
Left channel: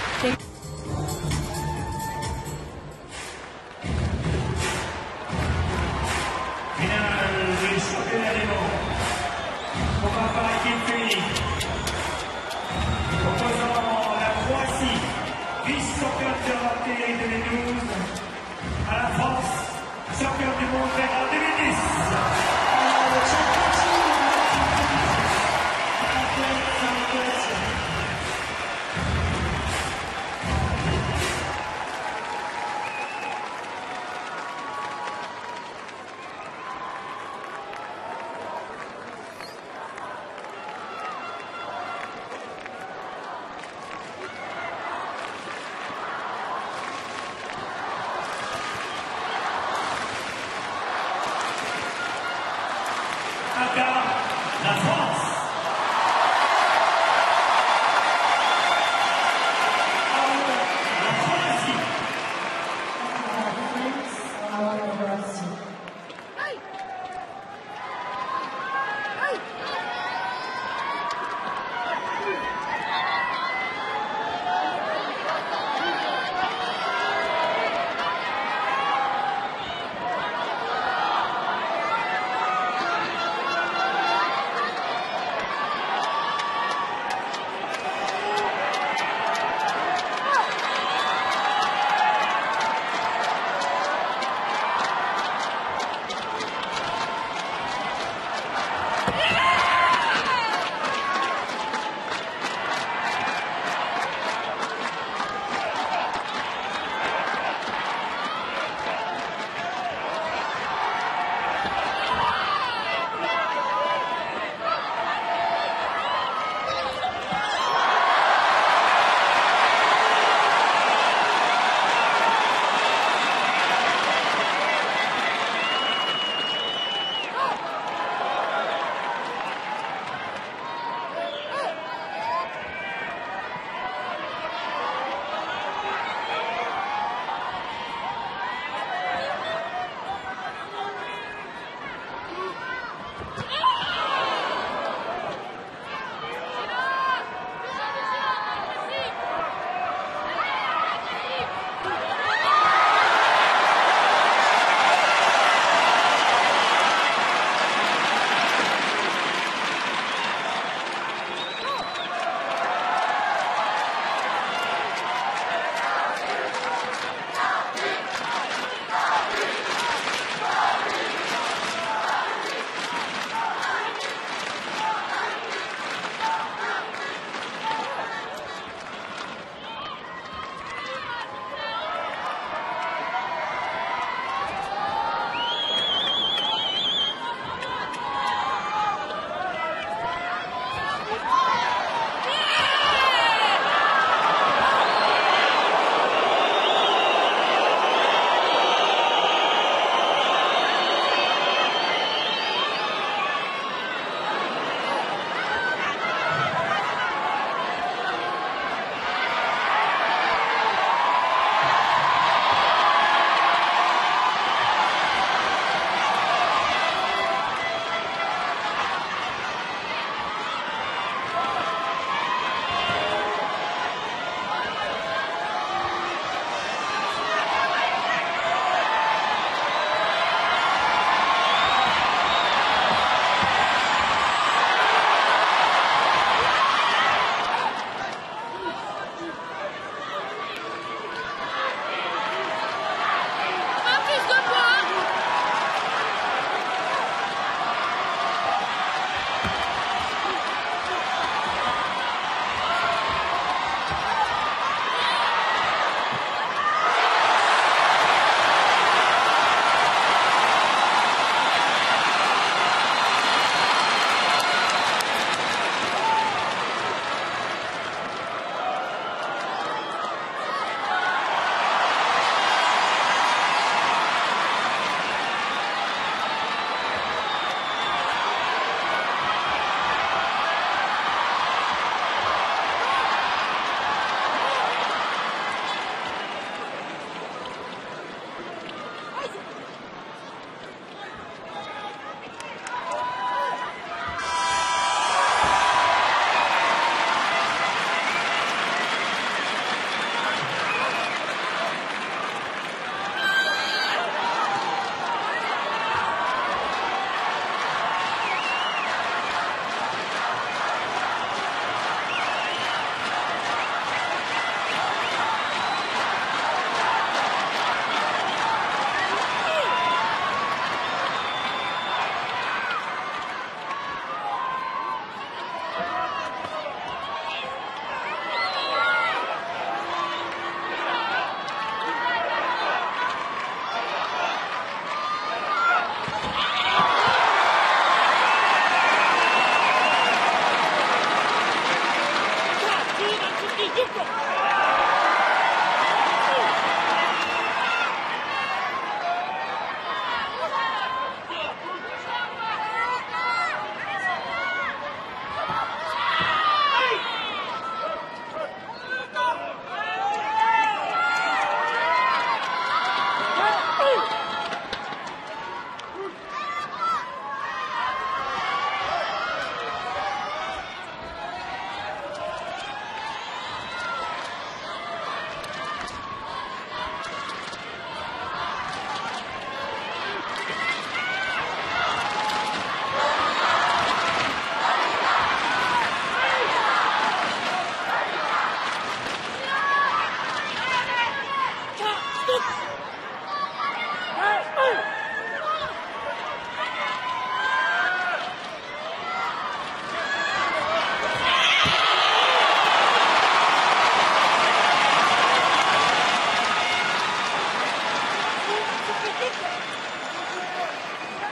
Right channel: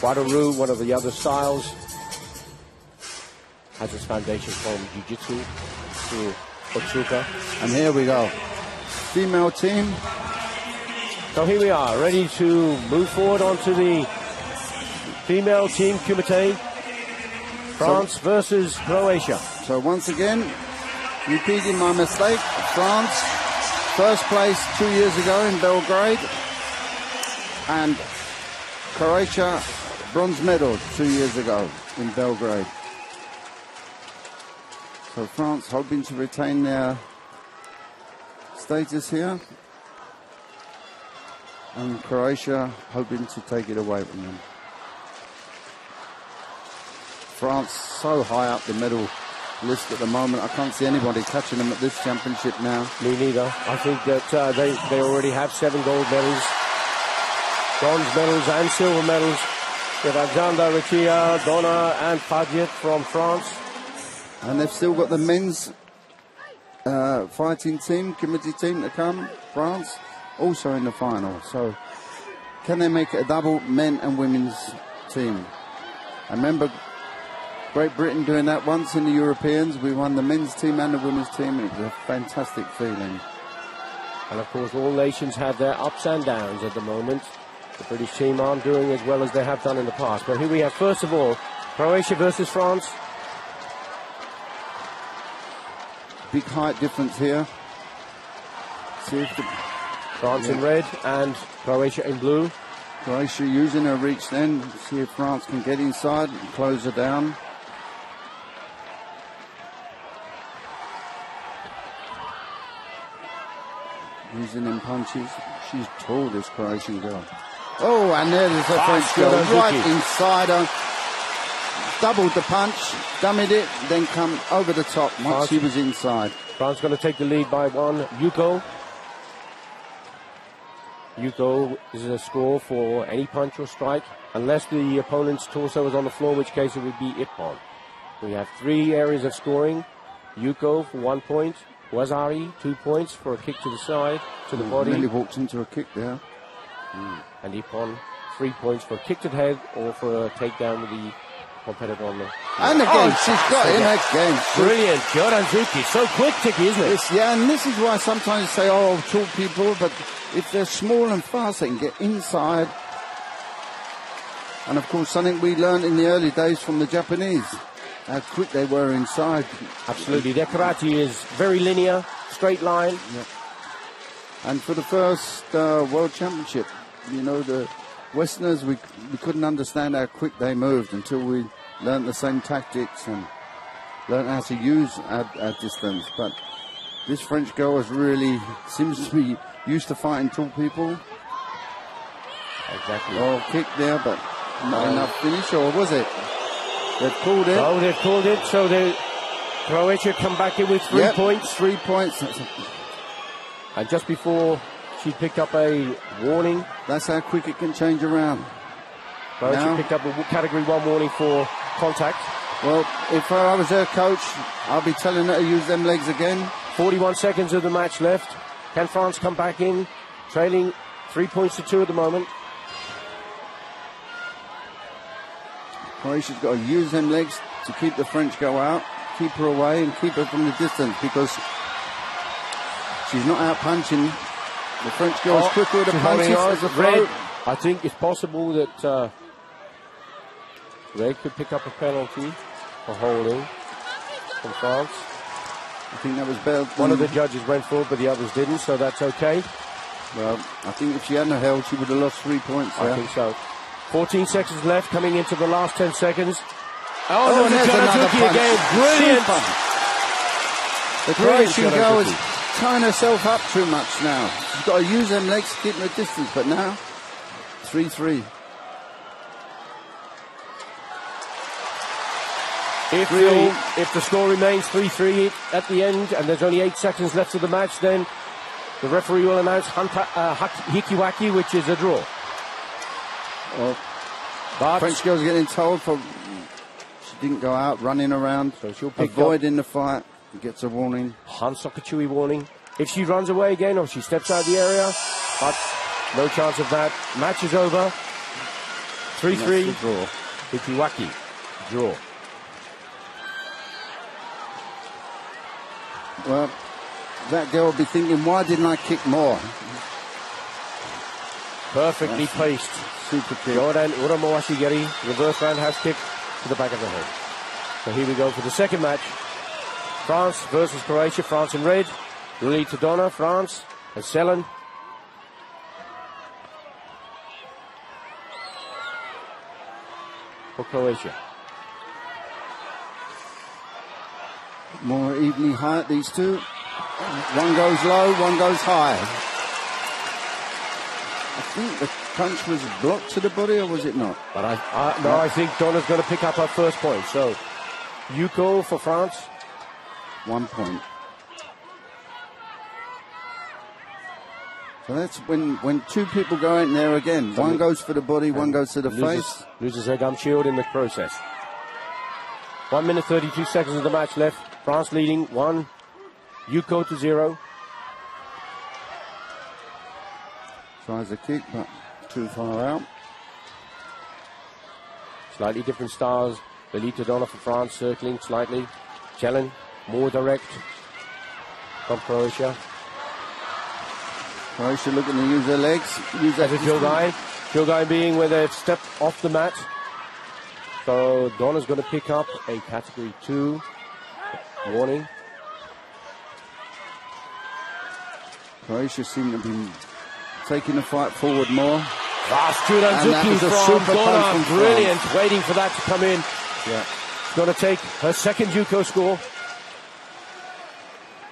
Wadaru, one of the other styles, has its foundation from Jiu-Jitsu. And here we go. Female team. So here we are, ready to move forward onto the female team Kumite. France versus Croatia. So once again, repeating my mistake, France, first place 2 years ago in Belgrade, and Croatia, bronze medal 2 years ago in Belgrade. So France hoping to retain their status here, and Croatia hoping to take it away from them. France so high up the medal list at the moment. I can't see anybody touching them at this championship now. Me neither. I think that they already have 7 gold medals, bronze medals and silver medals. With Alexander, Rikia, Donna and Paget from France. And they've still got the men's fighting team, committee team to come, France, also in the final. So can they make it a double men and women's team? Remember Great Britain doing that once in the Europeans. We won the men's team and the women's team. It was a fantastic feeling. And of course all nations have their ups and downs at the moment. The British team aren't doing as well as they have done in the past. But here we are, first of all, Croatia versus France. Big height difference here. France in red and Croatia in blue. Croatia using her reach then. See if France can get inside and close her down. Using them punches. She's tall, this Croatian girl. Oh, and there's her French girl right inside her. Doubled the punch, dummied it, then come over the top. Now she was inside. France going to take the lead by 1. Yuko. Yuko is a score for any punch or strike, unless the opponent's torso is on the floor, in which case it would be Ippon. We have 3 areas of scoring. Yuko for 1 point. Wazari, 2 points for a kick to the side, to the body. Really walked into a kick there. And Ippon 3 points for a kick to the head or for a takedown of the competitor. And again, she's got it again. Brilliant. Jordan Zuki. So quick, Tiki, isn't it? Yeah, and this is why sometimes you say, oh, quick people, but if they're small and fast, they can get inside. And of course, something we learned in the early days from the Japanese, how quick they were inside. Absolutely. Their karate is very linear, straight line. And for the first World Championship, you know, the Westerners, we couldn't understand how quick they moved until we learned the same tactics and learned how to use our distance. But this French girl is really, seems to be used to fighting tall people. Quick there, but not enough finish, or was it? They've called it. Oh, they've called it, so Croatia come back in with 3 points. 3 points. And just before she picked up a warning, that's how quick it can change around. Croatia picked up a category 1 warning for contact. Well, if I was their coach, I'd be telling her to use them legs again. 41 seconds of the match left. Can France come back in, trailing 3 points to 2 at the moment. Croatia's got to use them legs to keep the French girl out, keep her away and keep her from the distance, because she's not out punching. The French girl's quicker to punch. I think it's possible that they could pick up a penalty for holding for France. I think that was bad. One of the judges went for it, but the others didn't, so that's okay. Well, I think if she hadn't held, she would have lost 3 points. I think so. 14 seconds left, coming into the last 10 seconds. Oh, there's another punch. Again. Brilliant. The Croatian girl is tying herself up too much now. She's got to use her legs to keep the distance, but now 3-3. If the score remains 3-3 at the end and there's only 8 seconds left of the match, then the referee will announce Hikiwaki, which is a draw. French girl's getting told for she didn't go out running around, so she'll avoiding the fight. She gets a warning. Hansakachui warning. If she runs away again or she steps out of the area, no chance of that. Match is over. 3-3. Hikiwaki. Draw. Well, that girl will be thinking, why didn't I kick more? Perfectly placed. Super kick. Jordan Uramoasigeri, reverse roundhouse kick to the back of the head. So here we go for the second match. France versus Croatia. France in red. Willy Todona, France. And Selen. For Croatia. More evenly height, these two. One goes low, one goes high. The punch was blocked to the body, or was it not? No, I think Dona's going to pick up our first point. So, Yuko for France. 1 point. So that's when two people go in there again. One goes for the body, one goes to the face. Loses her gum shield in the process. 1 minute 32 seconds of the match left. France leading 1. Yuko to 0. Tries a kick, not too far out. Slightly different styles. Willy Todona for France, circling slightly. Challenge, more direct from Croatia. Croatia looking to use their legs. Use that Kilgai being where they've stepped off the mat. So Dona's going to pick up a category 2 warning. Croatia seem to be taking the fight forward more. Wow, Sturanzuki is a super punch. Brilliant, waiting for that to come in. Yeah. She's going to take her second Yuko score.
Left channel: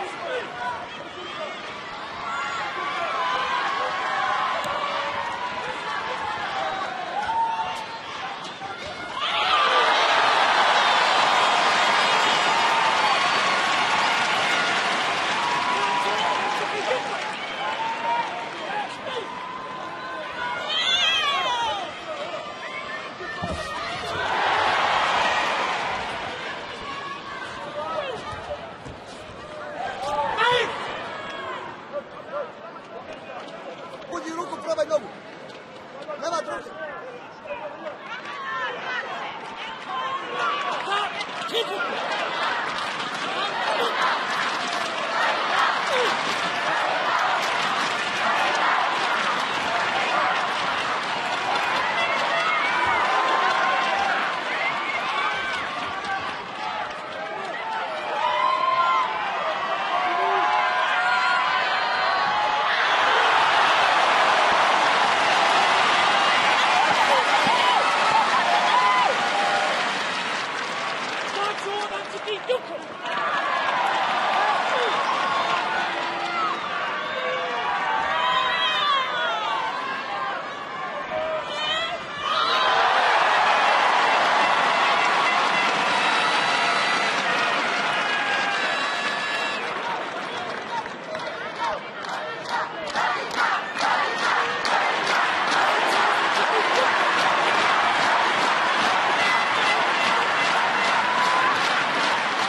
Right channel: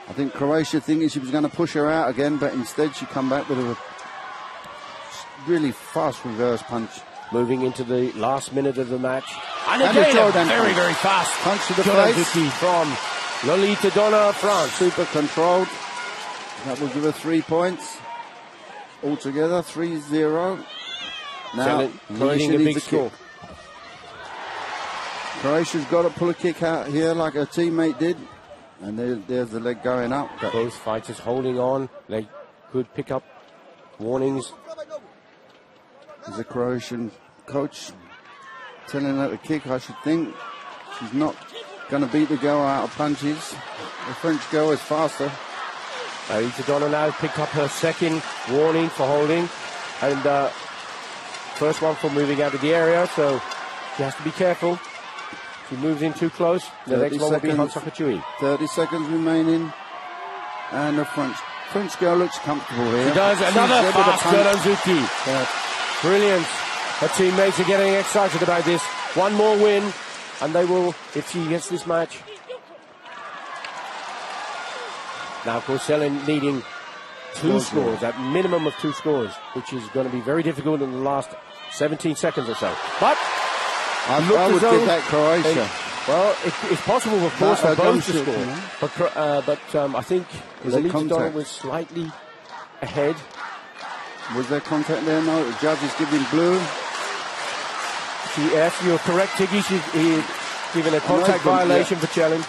I think Croatia thinking she was going to push her out again, but instead she come back with a really fast reverse punch. Moving into the last minute of the match. And again, very, very fast punch to the face from Willy Todona, France. Super controlled. That will give her 3 points. Altogether, 3-0. Now, Croatia needs a score. Croatia's got to pull a kick out here like her teammate did. And there's the leg going up. Those fighters holding on. They could pick up warnings. The Croatian coach telling her to kick, I should think. She's not going to beat the girl out of punches. The French girl is faster. Isadora now picked up her second warning for holding. And first one for moving out of the area, so she has to be careful. She moves in too close. The next one will be Hansa Couture. 30 seconds remaining. And the French girl looks comfortable here. She does. Another fast Goranzuki. Brilliant. Her teammates are getting excited about this. One more win, and they will, if she gets this match. Now, Porcelain needing two scores, at minimum of 2 scores, which is going to be very difficult in the last 17 seconds or so. But I would give that Croatia. Well, it's possible, of course, for both to score. But I think Isadora was slightly ahead. Was there contact there? No, the judge is giving blue. Yes, you're correct, Tiggy. She's given a contact violation for challenge.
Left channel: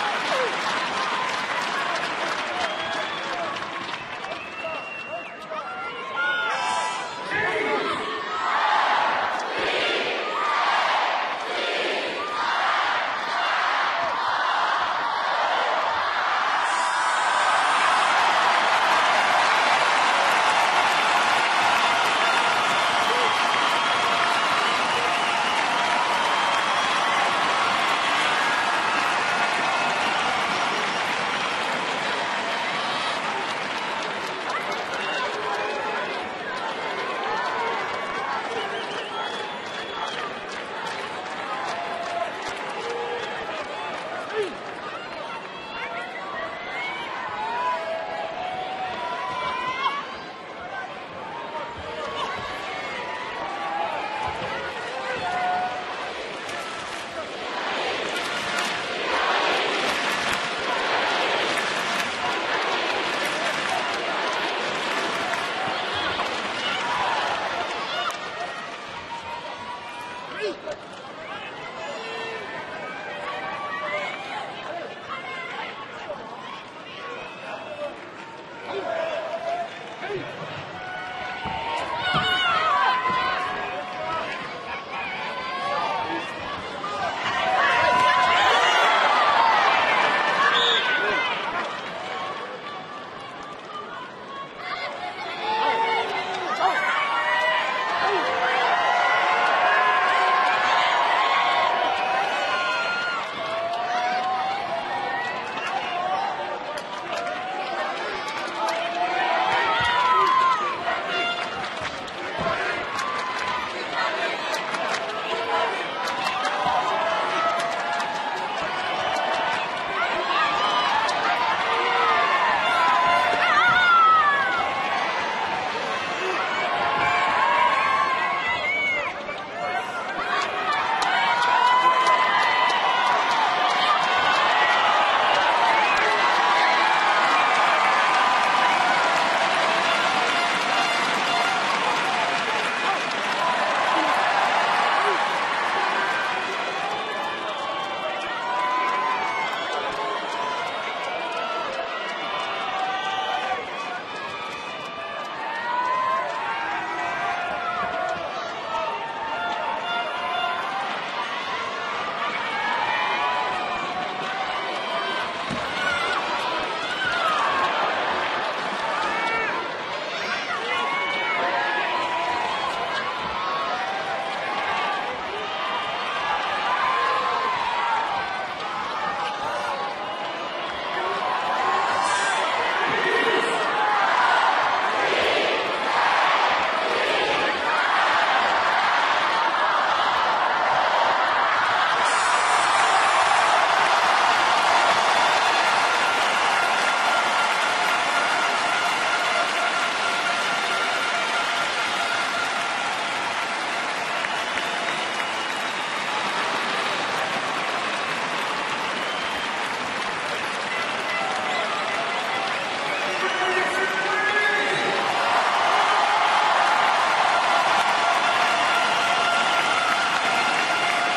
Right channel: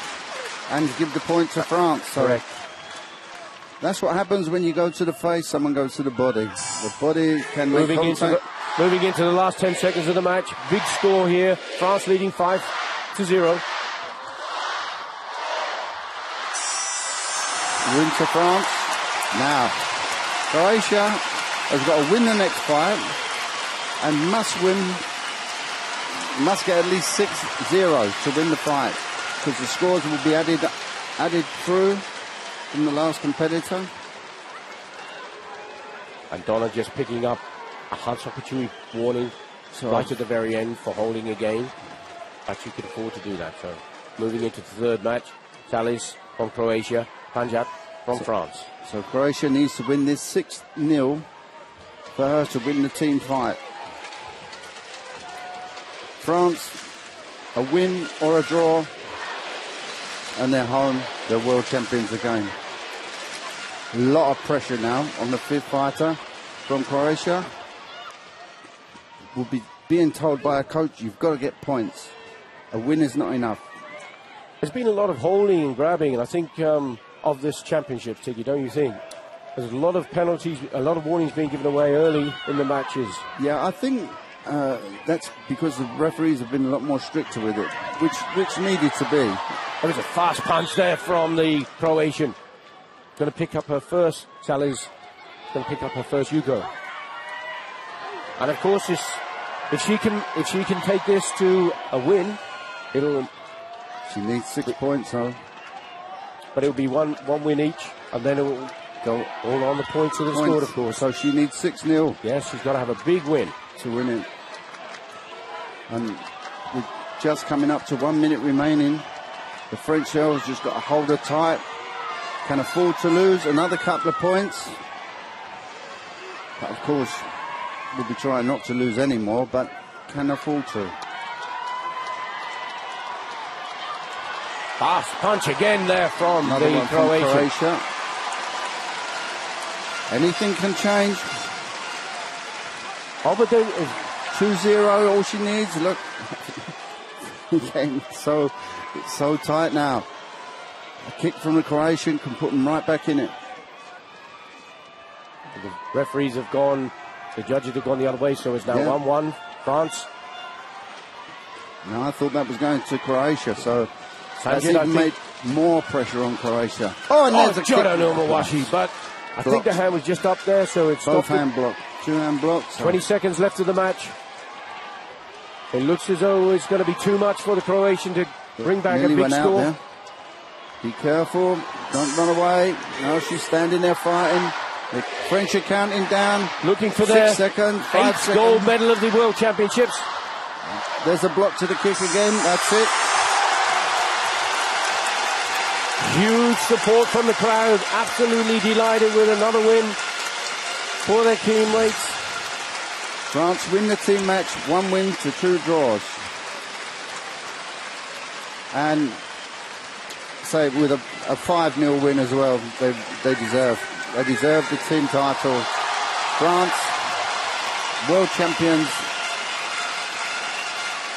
And give the point to France. So that's what happens when you go to the face, someone goes to the body. The body can make contact. Moving into the last 10 seconds of the match. Big score here. France leading 5-0. Win to France. Now, Croatia has got to win the next fight and must get at least 6-0 to win the fight, because the scores will be added through from the last competitor. And Donna just picking up a Hansa Couture warning right at the very end for holding the game. But she can afford to do that. So moving into the third match, Tallis from Croatia, Panjab from France. So Croatia needs to win this 6-0 for her to win the team fight. France, a win or a draw, and they're home, they're world champions again. A lot of pressure now on the 5th fighter from Croatia. Will be being told by a coach, you've got to get points. A win is not enough. There's been a lot of holding and grabbing, and I think of this championship, Tiggy, don't you think? There's a lot of penalties, a lot of warnings being given away early in the matches. Yeah, I think that's because the referees have been a lot more stricter with it, which needed to be. There's a fast punch there from the Croatian. Going to pick up her first, Sally's going to pick up her first Yugo. And of course, if she can take this to a win, she needs 6 points, though. But it'll be one win each, and then it'll go all on the points of the score, of course. So she needs 6-0. Yes, she's got to have a big win to win it. And we're just coming up to 1 minute remaining. The French girls just got to hold her tight. Can afford to lose another couple of points. But of course, we'll be trying not to lose any more, but can afford to. Fast punch again there from the Croatia. Anything can change. Obviously, 2-0, all she needs. Look, it's so tight now. A kick from the Croatian can put them right back in it. The referees have gone, the judges have gone the other way, so it's now 1-1, France. And I thought that was going to Croatia, so that's even make more pressure on Croatia. Oh, and there's a kick on Omawashi, but I think the hand was just up there, so it's both hand block. 2 hand blocks. 20 seconds left of the match. It looks as though it's going to be too much for the Croatian to bring back a big score. Be careful, don't run away. While she's standing there fighting. The French are counting down. Looking for 6 their seconds, 8th gold medal of the World Championships. There's a block to the kick again, that's it. Huge support from the crowd, absolutely delighted with another win for their teammates. France win the team match, 1 win to 2 draws. And say with a 5-0 win as well, they deserve the team title. France, world champions.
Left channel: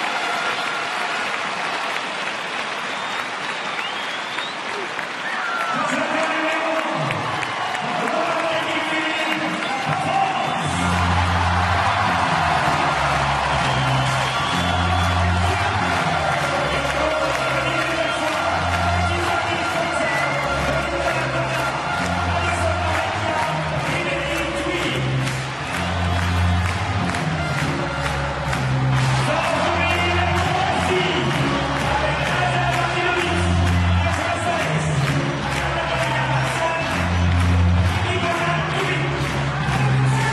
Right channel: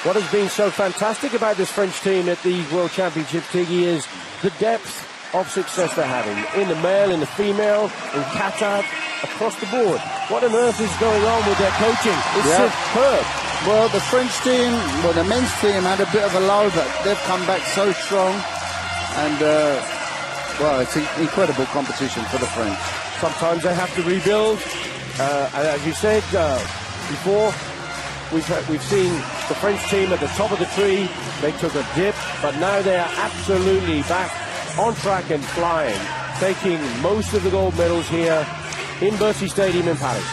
What has been so fantastic about this French team at the World Championship, Tiggy, is the depth of success they're having. In the male, in the female, in kata, across the board. What on earth is going on with their coaching? It's superb. Well, the French team, well, the men's team had a bit of a low, but they've come back so strong. And, well, it's incredible competition for the French. Sometimes they have to rebuild. And as you said before, we've seen the French team at the top of the tree. They took a dip, but now they're absolutely back on track and flying, taking most of the gold medals here in Bercy Stadium in Paris.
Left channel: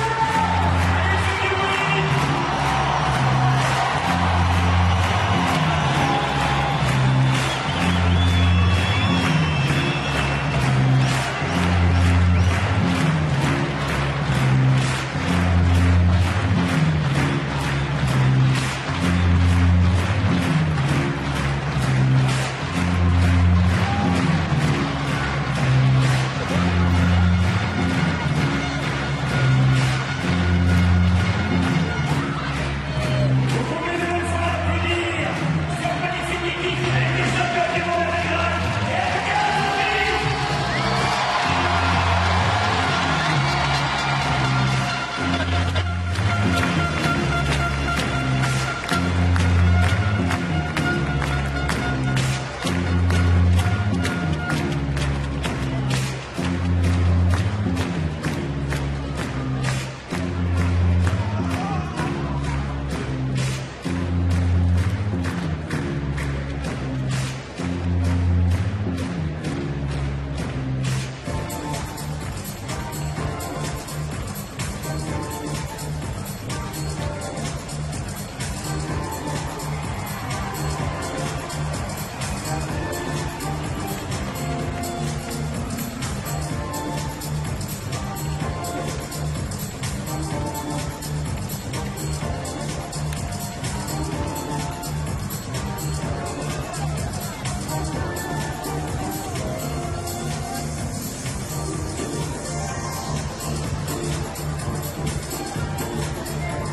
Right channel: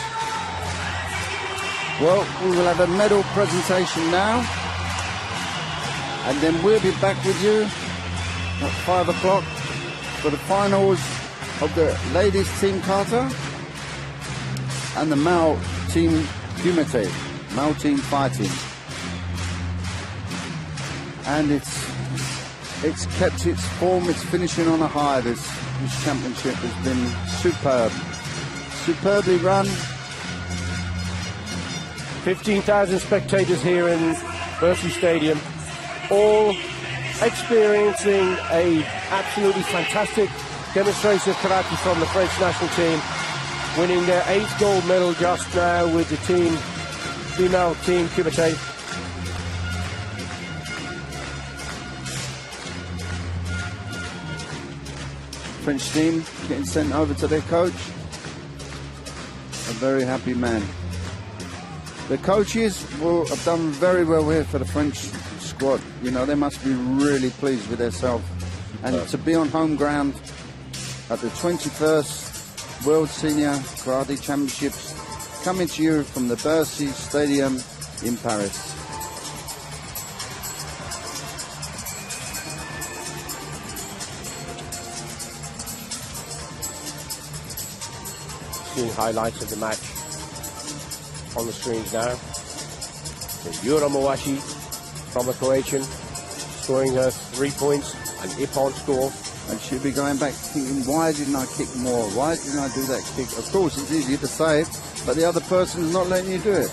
Well, we will have a medal presentation now, and then we'll be back with you at 5 o'clock for the finals of the ladies team kata and the male team unity, male team fighting. And it's kept its form, it's finishing on a high. This championship has been superb. Superbly run. 15,000 spectators here in Bercy Stadium, all experiencing a absolutely fantastic demonstration of karate from the French national team, winning their 8th gold medal just now with the female team Kumite. French team getting sent over to their coach. A very happy man. The coaches will have done very well here for the French squad. You know, they must be really pleased with themselves. And to be on home ground at the 21st World Senior Karate Championships, coming to you from the Bercy Stadium in Paris. Seeing highlights of the match on the screen now. Jura Mowashi from a Croatian, scoring 3 points. Ippon score. And she'll be going back thinking, why didn't I kick more? Why didn't I do that kick? Of course, it's easy to say it, but the other person is not letting you do it.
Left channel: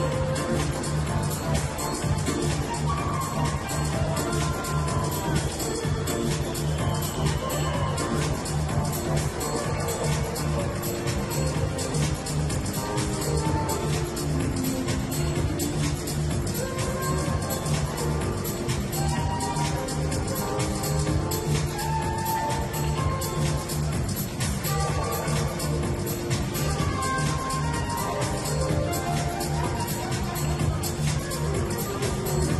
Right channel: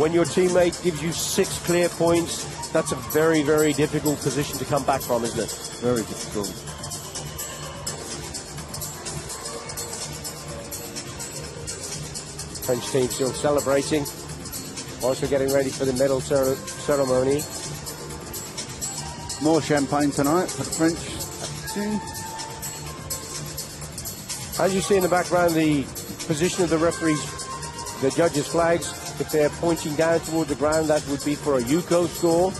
When your teammate gives you 6 clear points, that's a very, very difficult position to come back from, isn't it? Very difficult. French team still celebrating, also getting ready for the medal ceremony. More champagne tonight, French team. As you see in the background, the position of the referees, the judges' flags, if they're pointing down toward the ground, that would be for a Yuko score.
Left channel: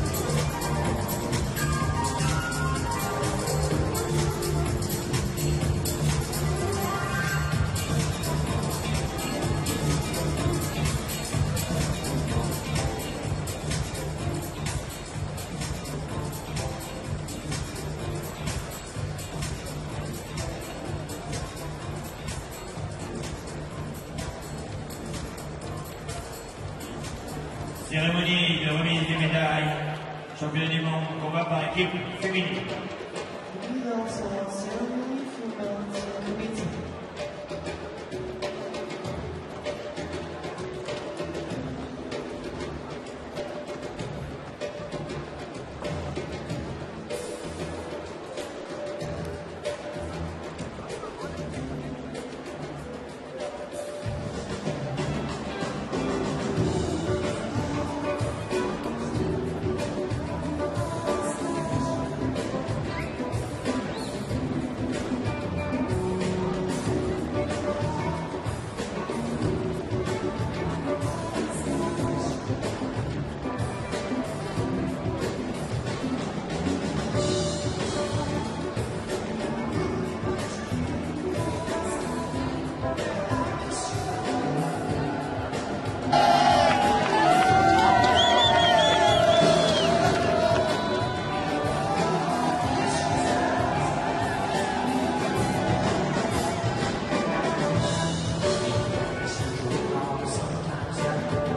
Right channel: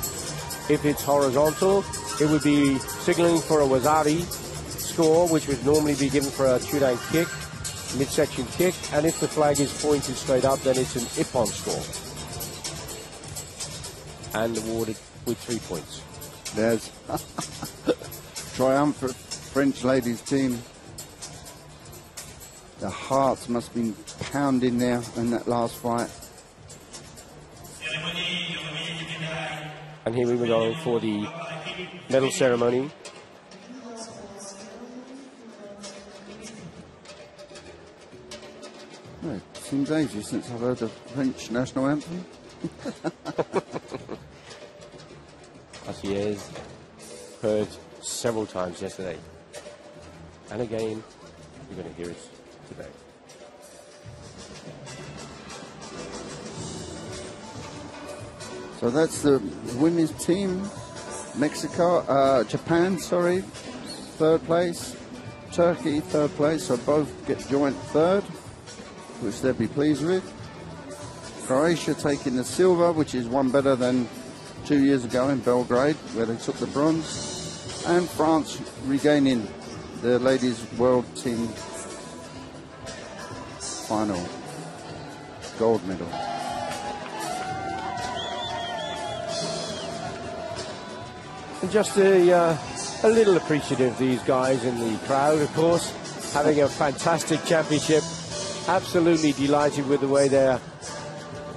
If it's horizontal, it would be signaling for a Wazari score, which would normally be given for a Chudai kick, midsection kick, and if the flag is pointed straight up, then it's an Ippon score. And awarded with 3 points. There's triumphant French ladies team. The hearts must have been pounding there in that last fight. And here we go for the medal ceremony. It seems ages since I've heard the French national anthem. Yes, heard several times yesterday. And again. So that's the women's team. Mexico, Japan, sorry, 3rd place. Turkey, 3rd place. So both get joint 3rd, which they'll be pleased with. Croatia taking the silver, which is one better than 2 years ago in Belgrade, where they took the bronze. And France regaining the ladies' world team final gold medal. Just a little appreciative of these guys in the crowd, of course, having a fantastic championship. Absolutely delighted with the way their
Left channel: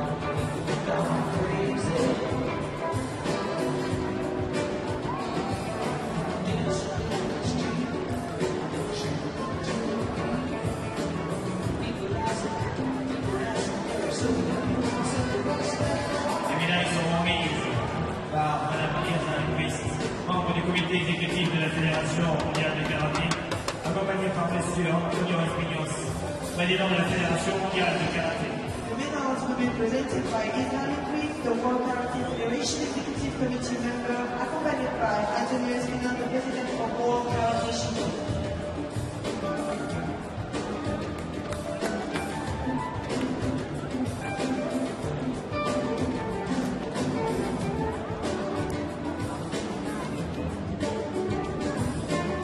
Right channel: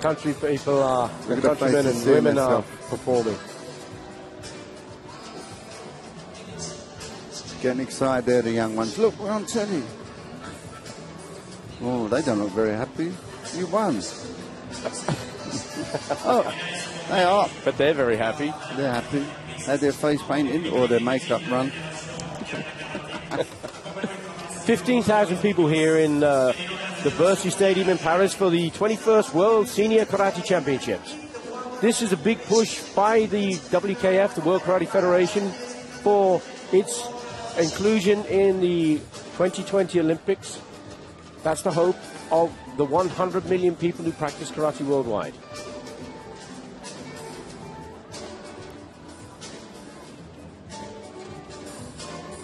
country people are, the countrymen and women are performing. Getting excited there, the young ones. Look, I'm telling you. Oh, they don't look very happy. They won't. Oh, they are. But they're very happy. They're happy. Had their face painted or their makeup run. 15,000 people here in the Bercy Stadium in Paris for the 21st World Senior Karate Championships. This is a big push by the WKF, the World Karate Federation, for its inclusion in the 2020 Olympics. That's the hope of the 100 million people who practice karate worldwide.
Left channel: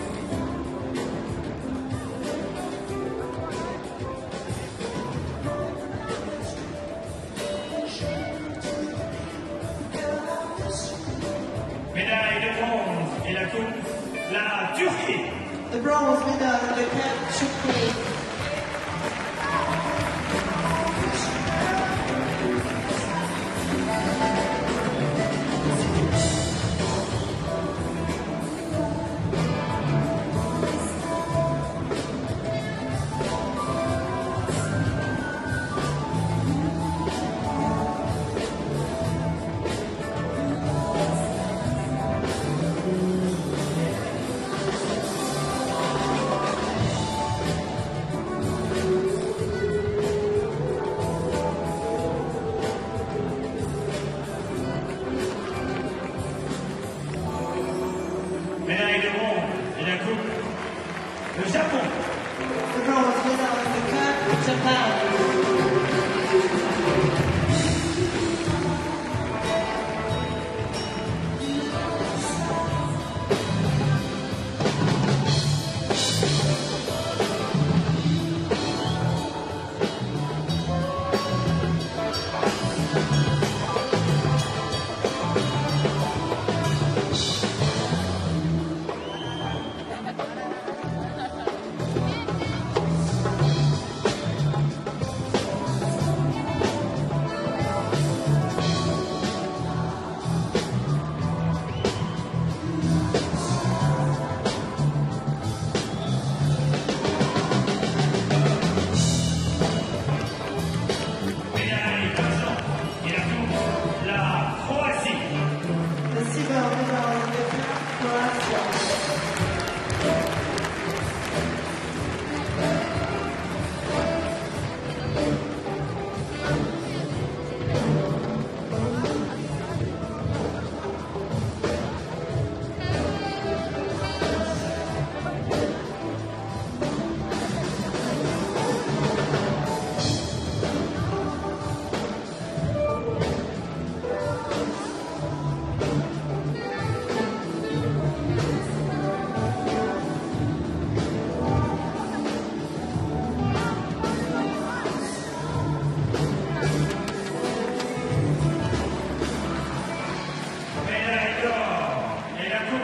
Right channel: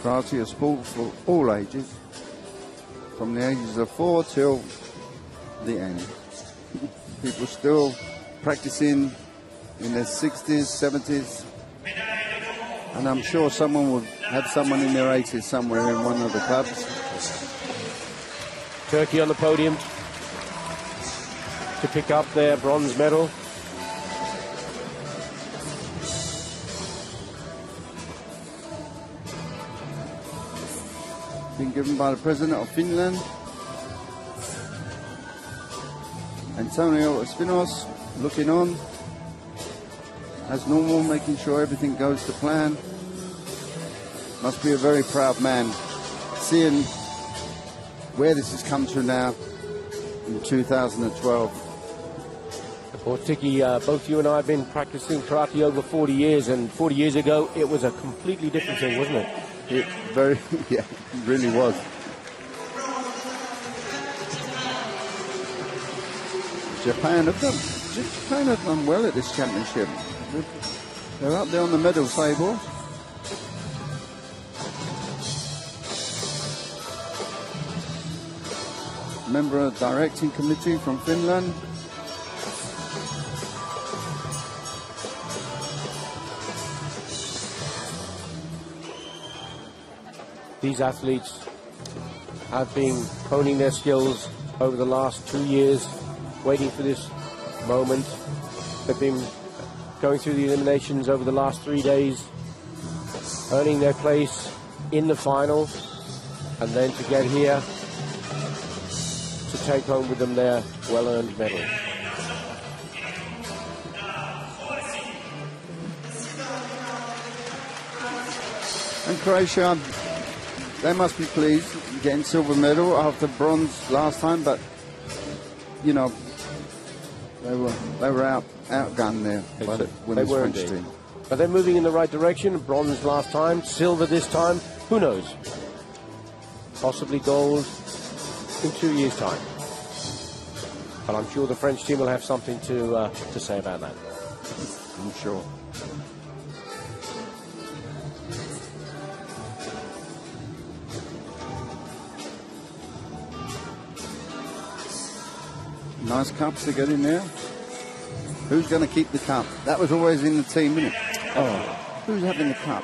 Karate is sport for all ages, from the ages of 4 till the end. People still practicing in their 60s, 70s, and I'm sure someone will have someone in their 80s somewhere in one of the clubs. Turkey on the podium to pick up their bronze medal. Been given by the President of Finland. Antonio Espinos looking on as normal, making sure everything goes to plan. Must be a very proud man, seeing where this has come to now in 2012. Well, Tiki, both you and I have been practicing karate over 40 years, and 40 years ago it was a completely different thing, wasn't it? Yeah, very, yeah, it really was. Japan have done well at this championship. They're up there on the medal table. Member of the directing committee from Finland. These athletes have been honing their skills over the last 2 years, waiting for this moment. They've been going through the eliminations over the last 3 days, earning their place in the final, and then to get here to take home with them their well-earned medal. In Croatia, they must be pleased getting silver medal after bronze last time, but you know, they were outgunned there by the French team. But they're moving in the right direction. Bronze last time, silver this time. Who knows? Possibly gold in 2 years' time. But I'm sure the French team will have something to say about that. I'm sure. Nice cups to get in there. Who's going to keep the cup? That was always in the team, isn't it? Oh, who's having the cup?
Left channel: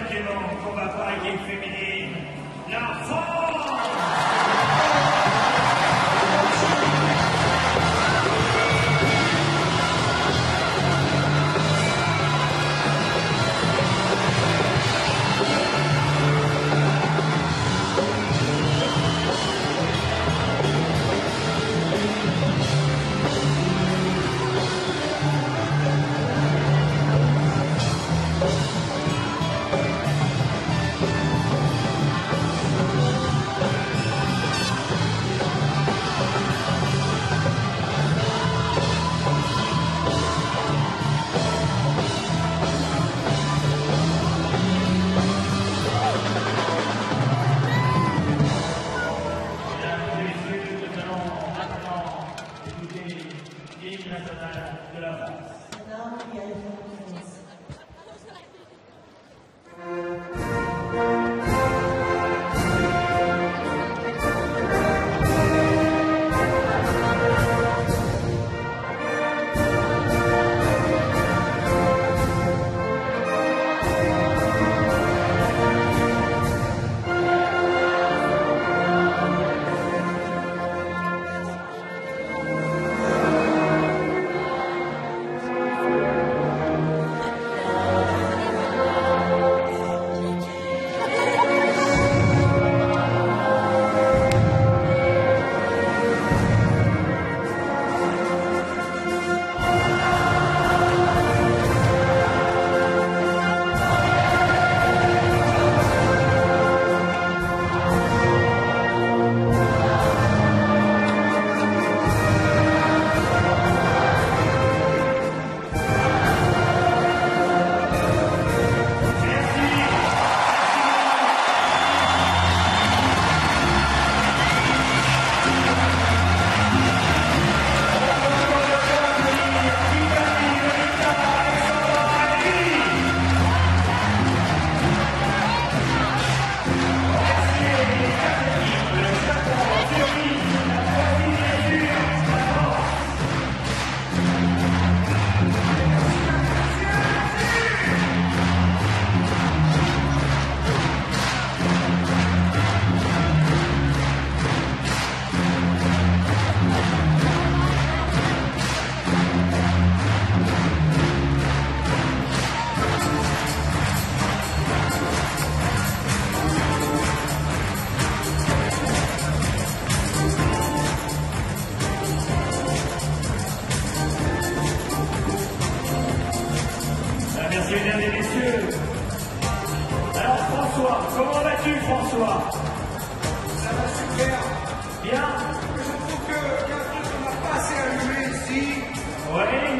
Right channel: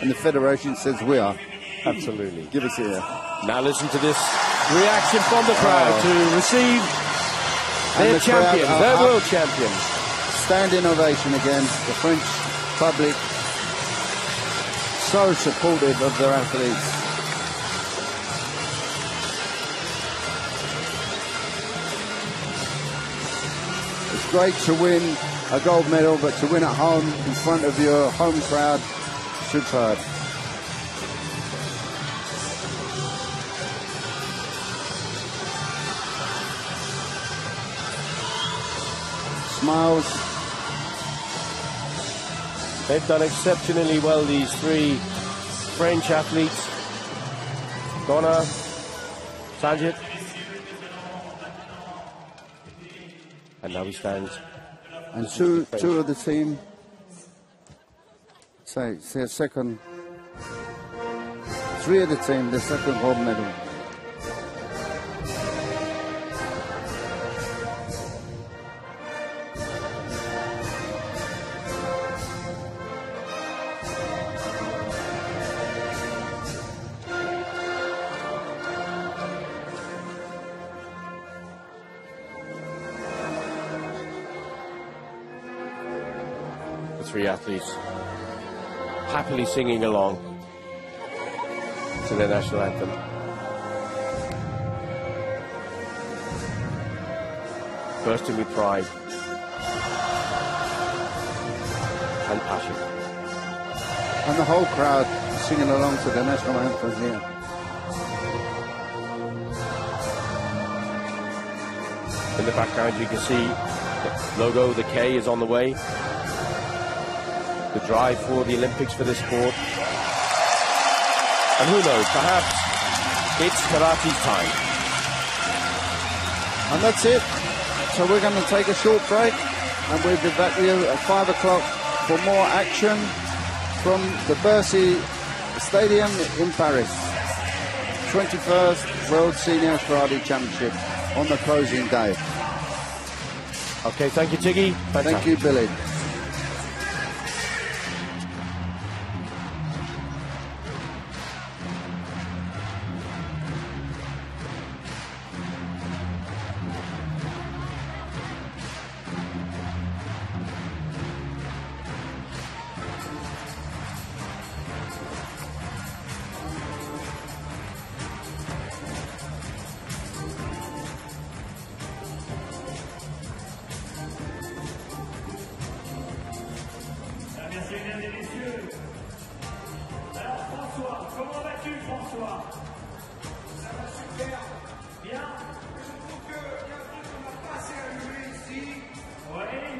And the Federation says we are. Absolutely. Give us a Now listen to this reaction from the crowd to receive their champion, their world champion. Standing ovation again. The French public so supportive of their athletes. Great to win a gold medal, but to win at home in front of your home crowd, superb. Smiles. They've done exceptionally well, these three French athletes. Connor, Sajid. And now he stands. And two of the team, say their second, three of the team, the second gold medal. vie for the Olympics for this award. And who knows, perhaps it's Karachi's time. And that's it. So we're going to take a short break and we'll be back here at 5 o'clock for more action from the Bercy Stadium in Paris. 21st World Senior Karate Championship on the closing day. Okay, thank you, Tiggy. Thank you, Billy. Merci mesdames et messieurs. Alors François, comment vas-tu François? Ça va super. Bien? Je trouve qu'il y a un truc qu'on n'a pas assez allumé ici. Oui.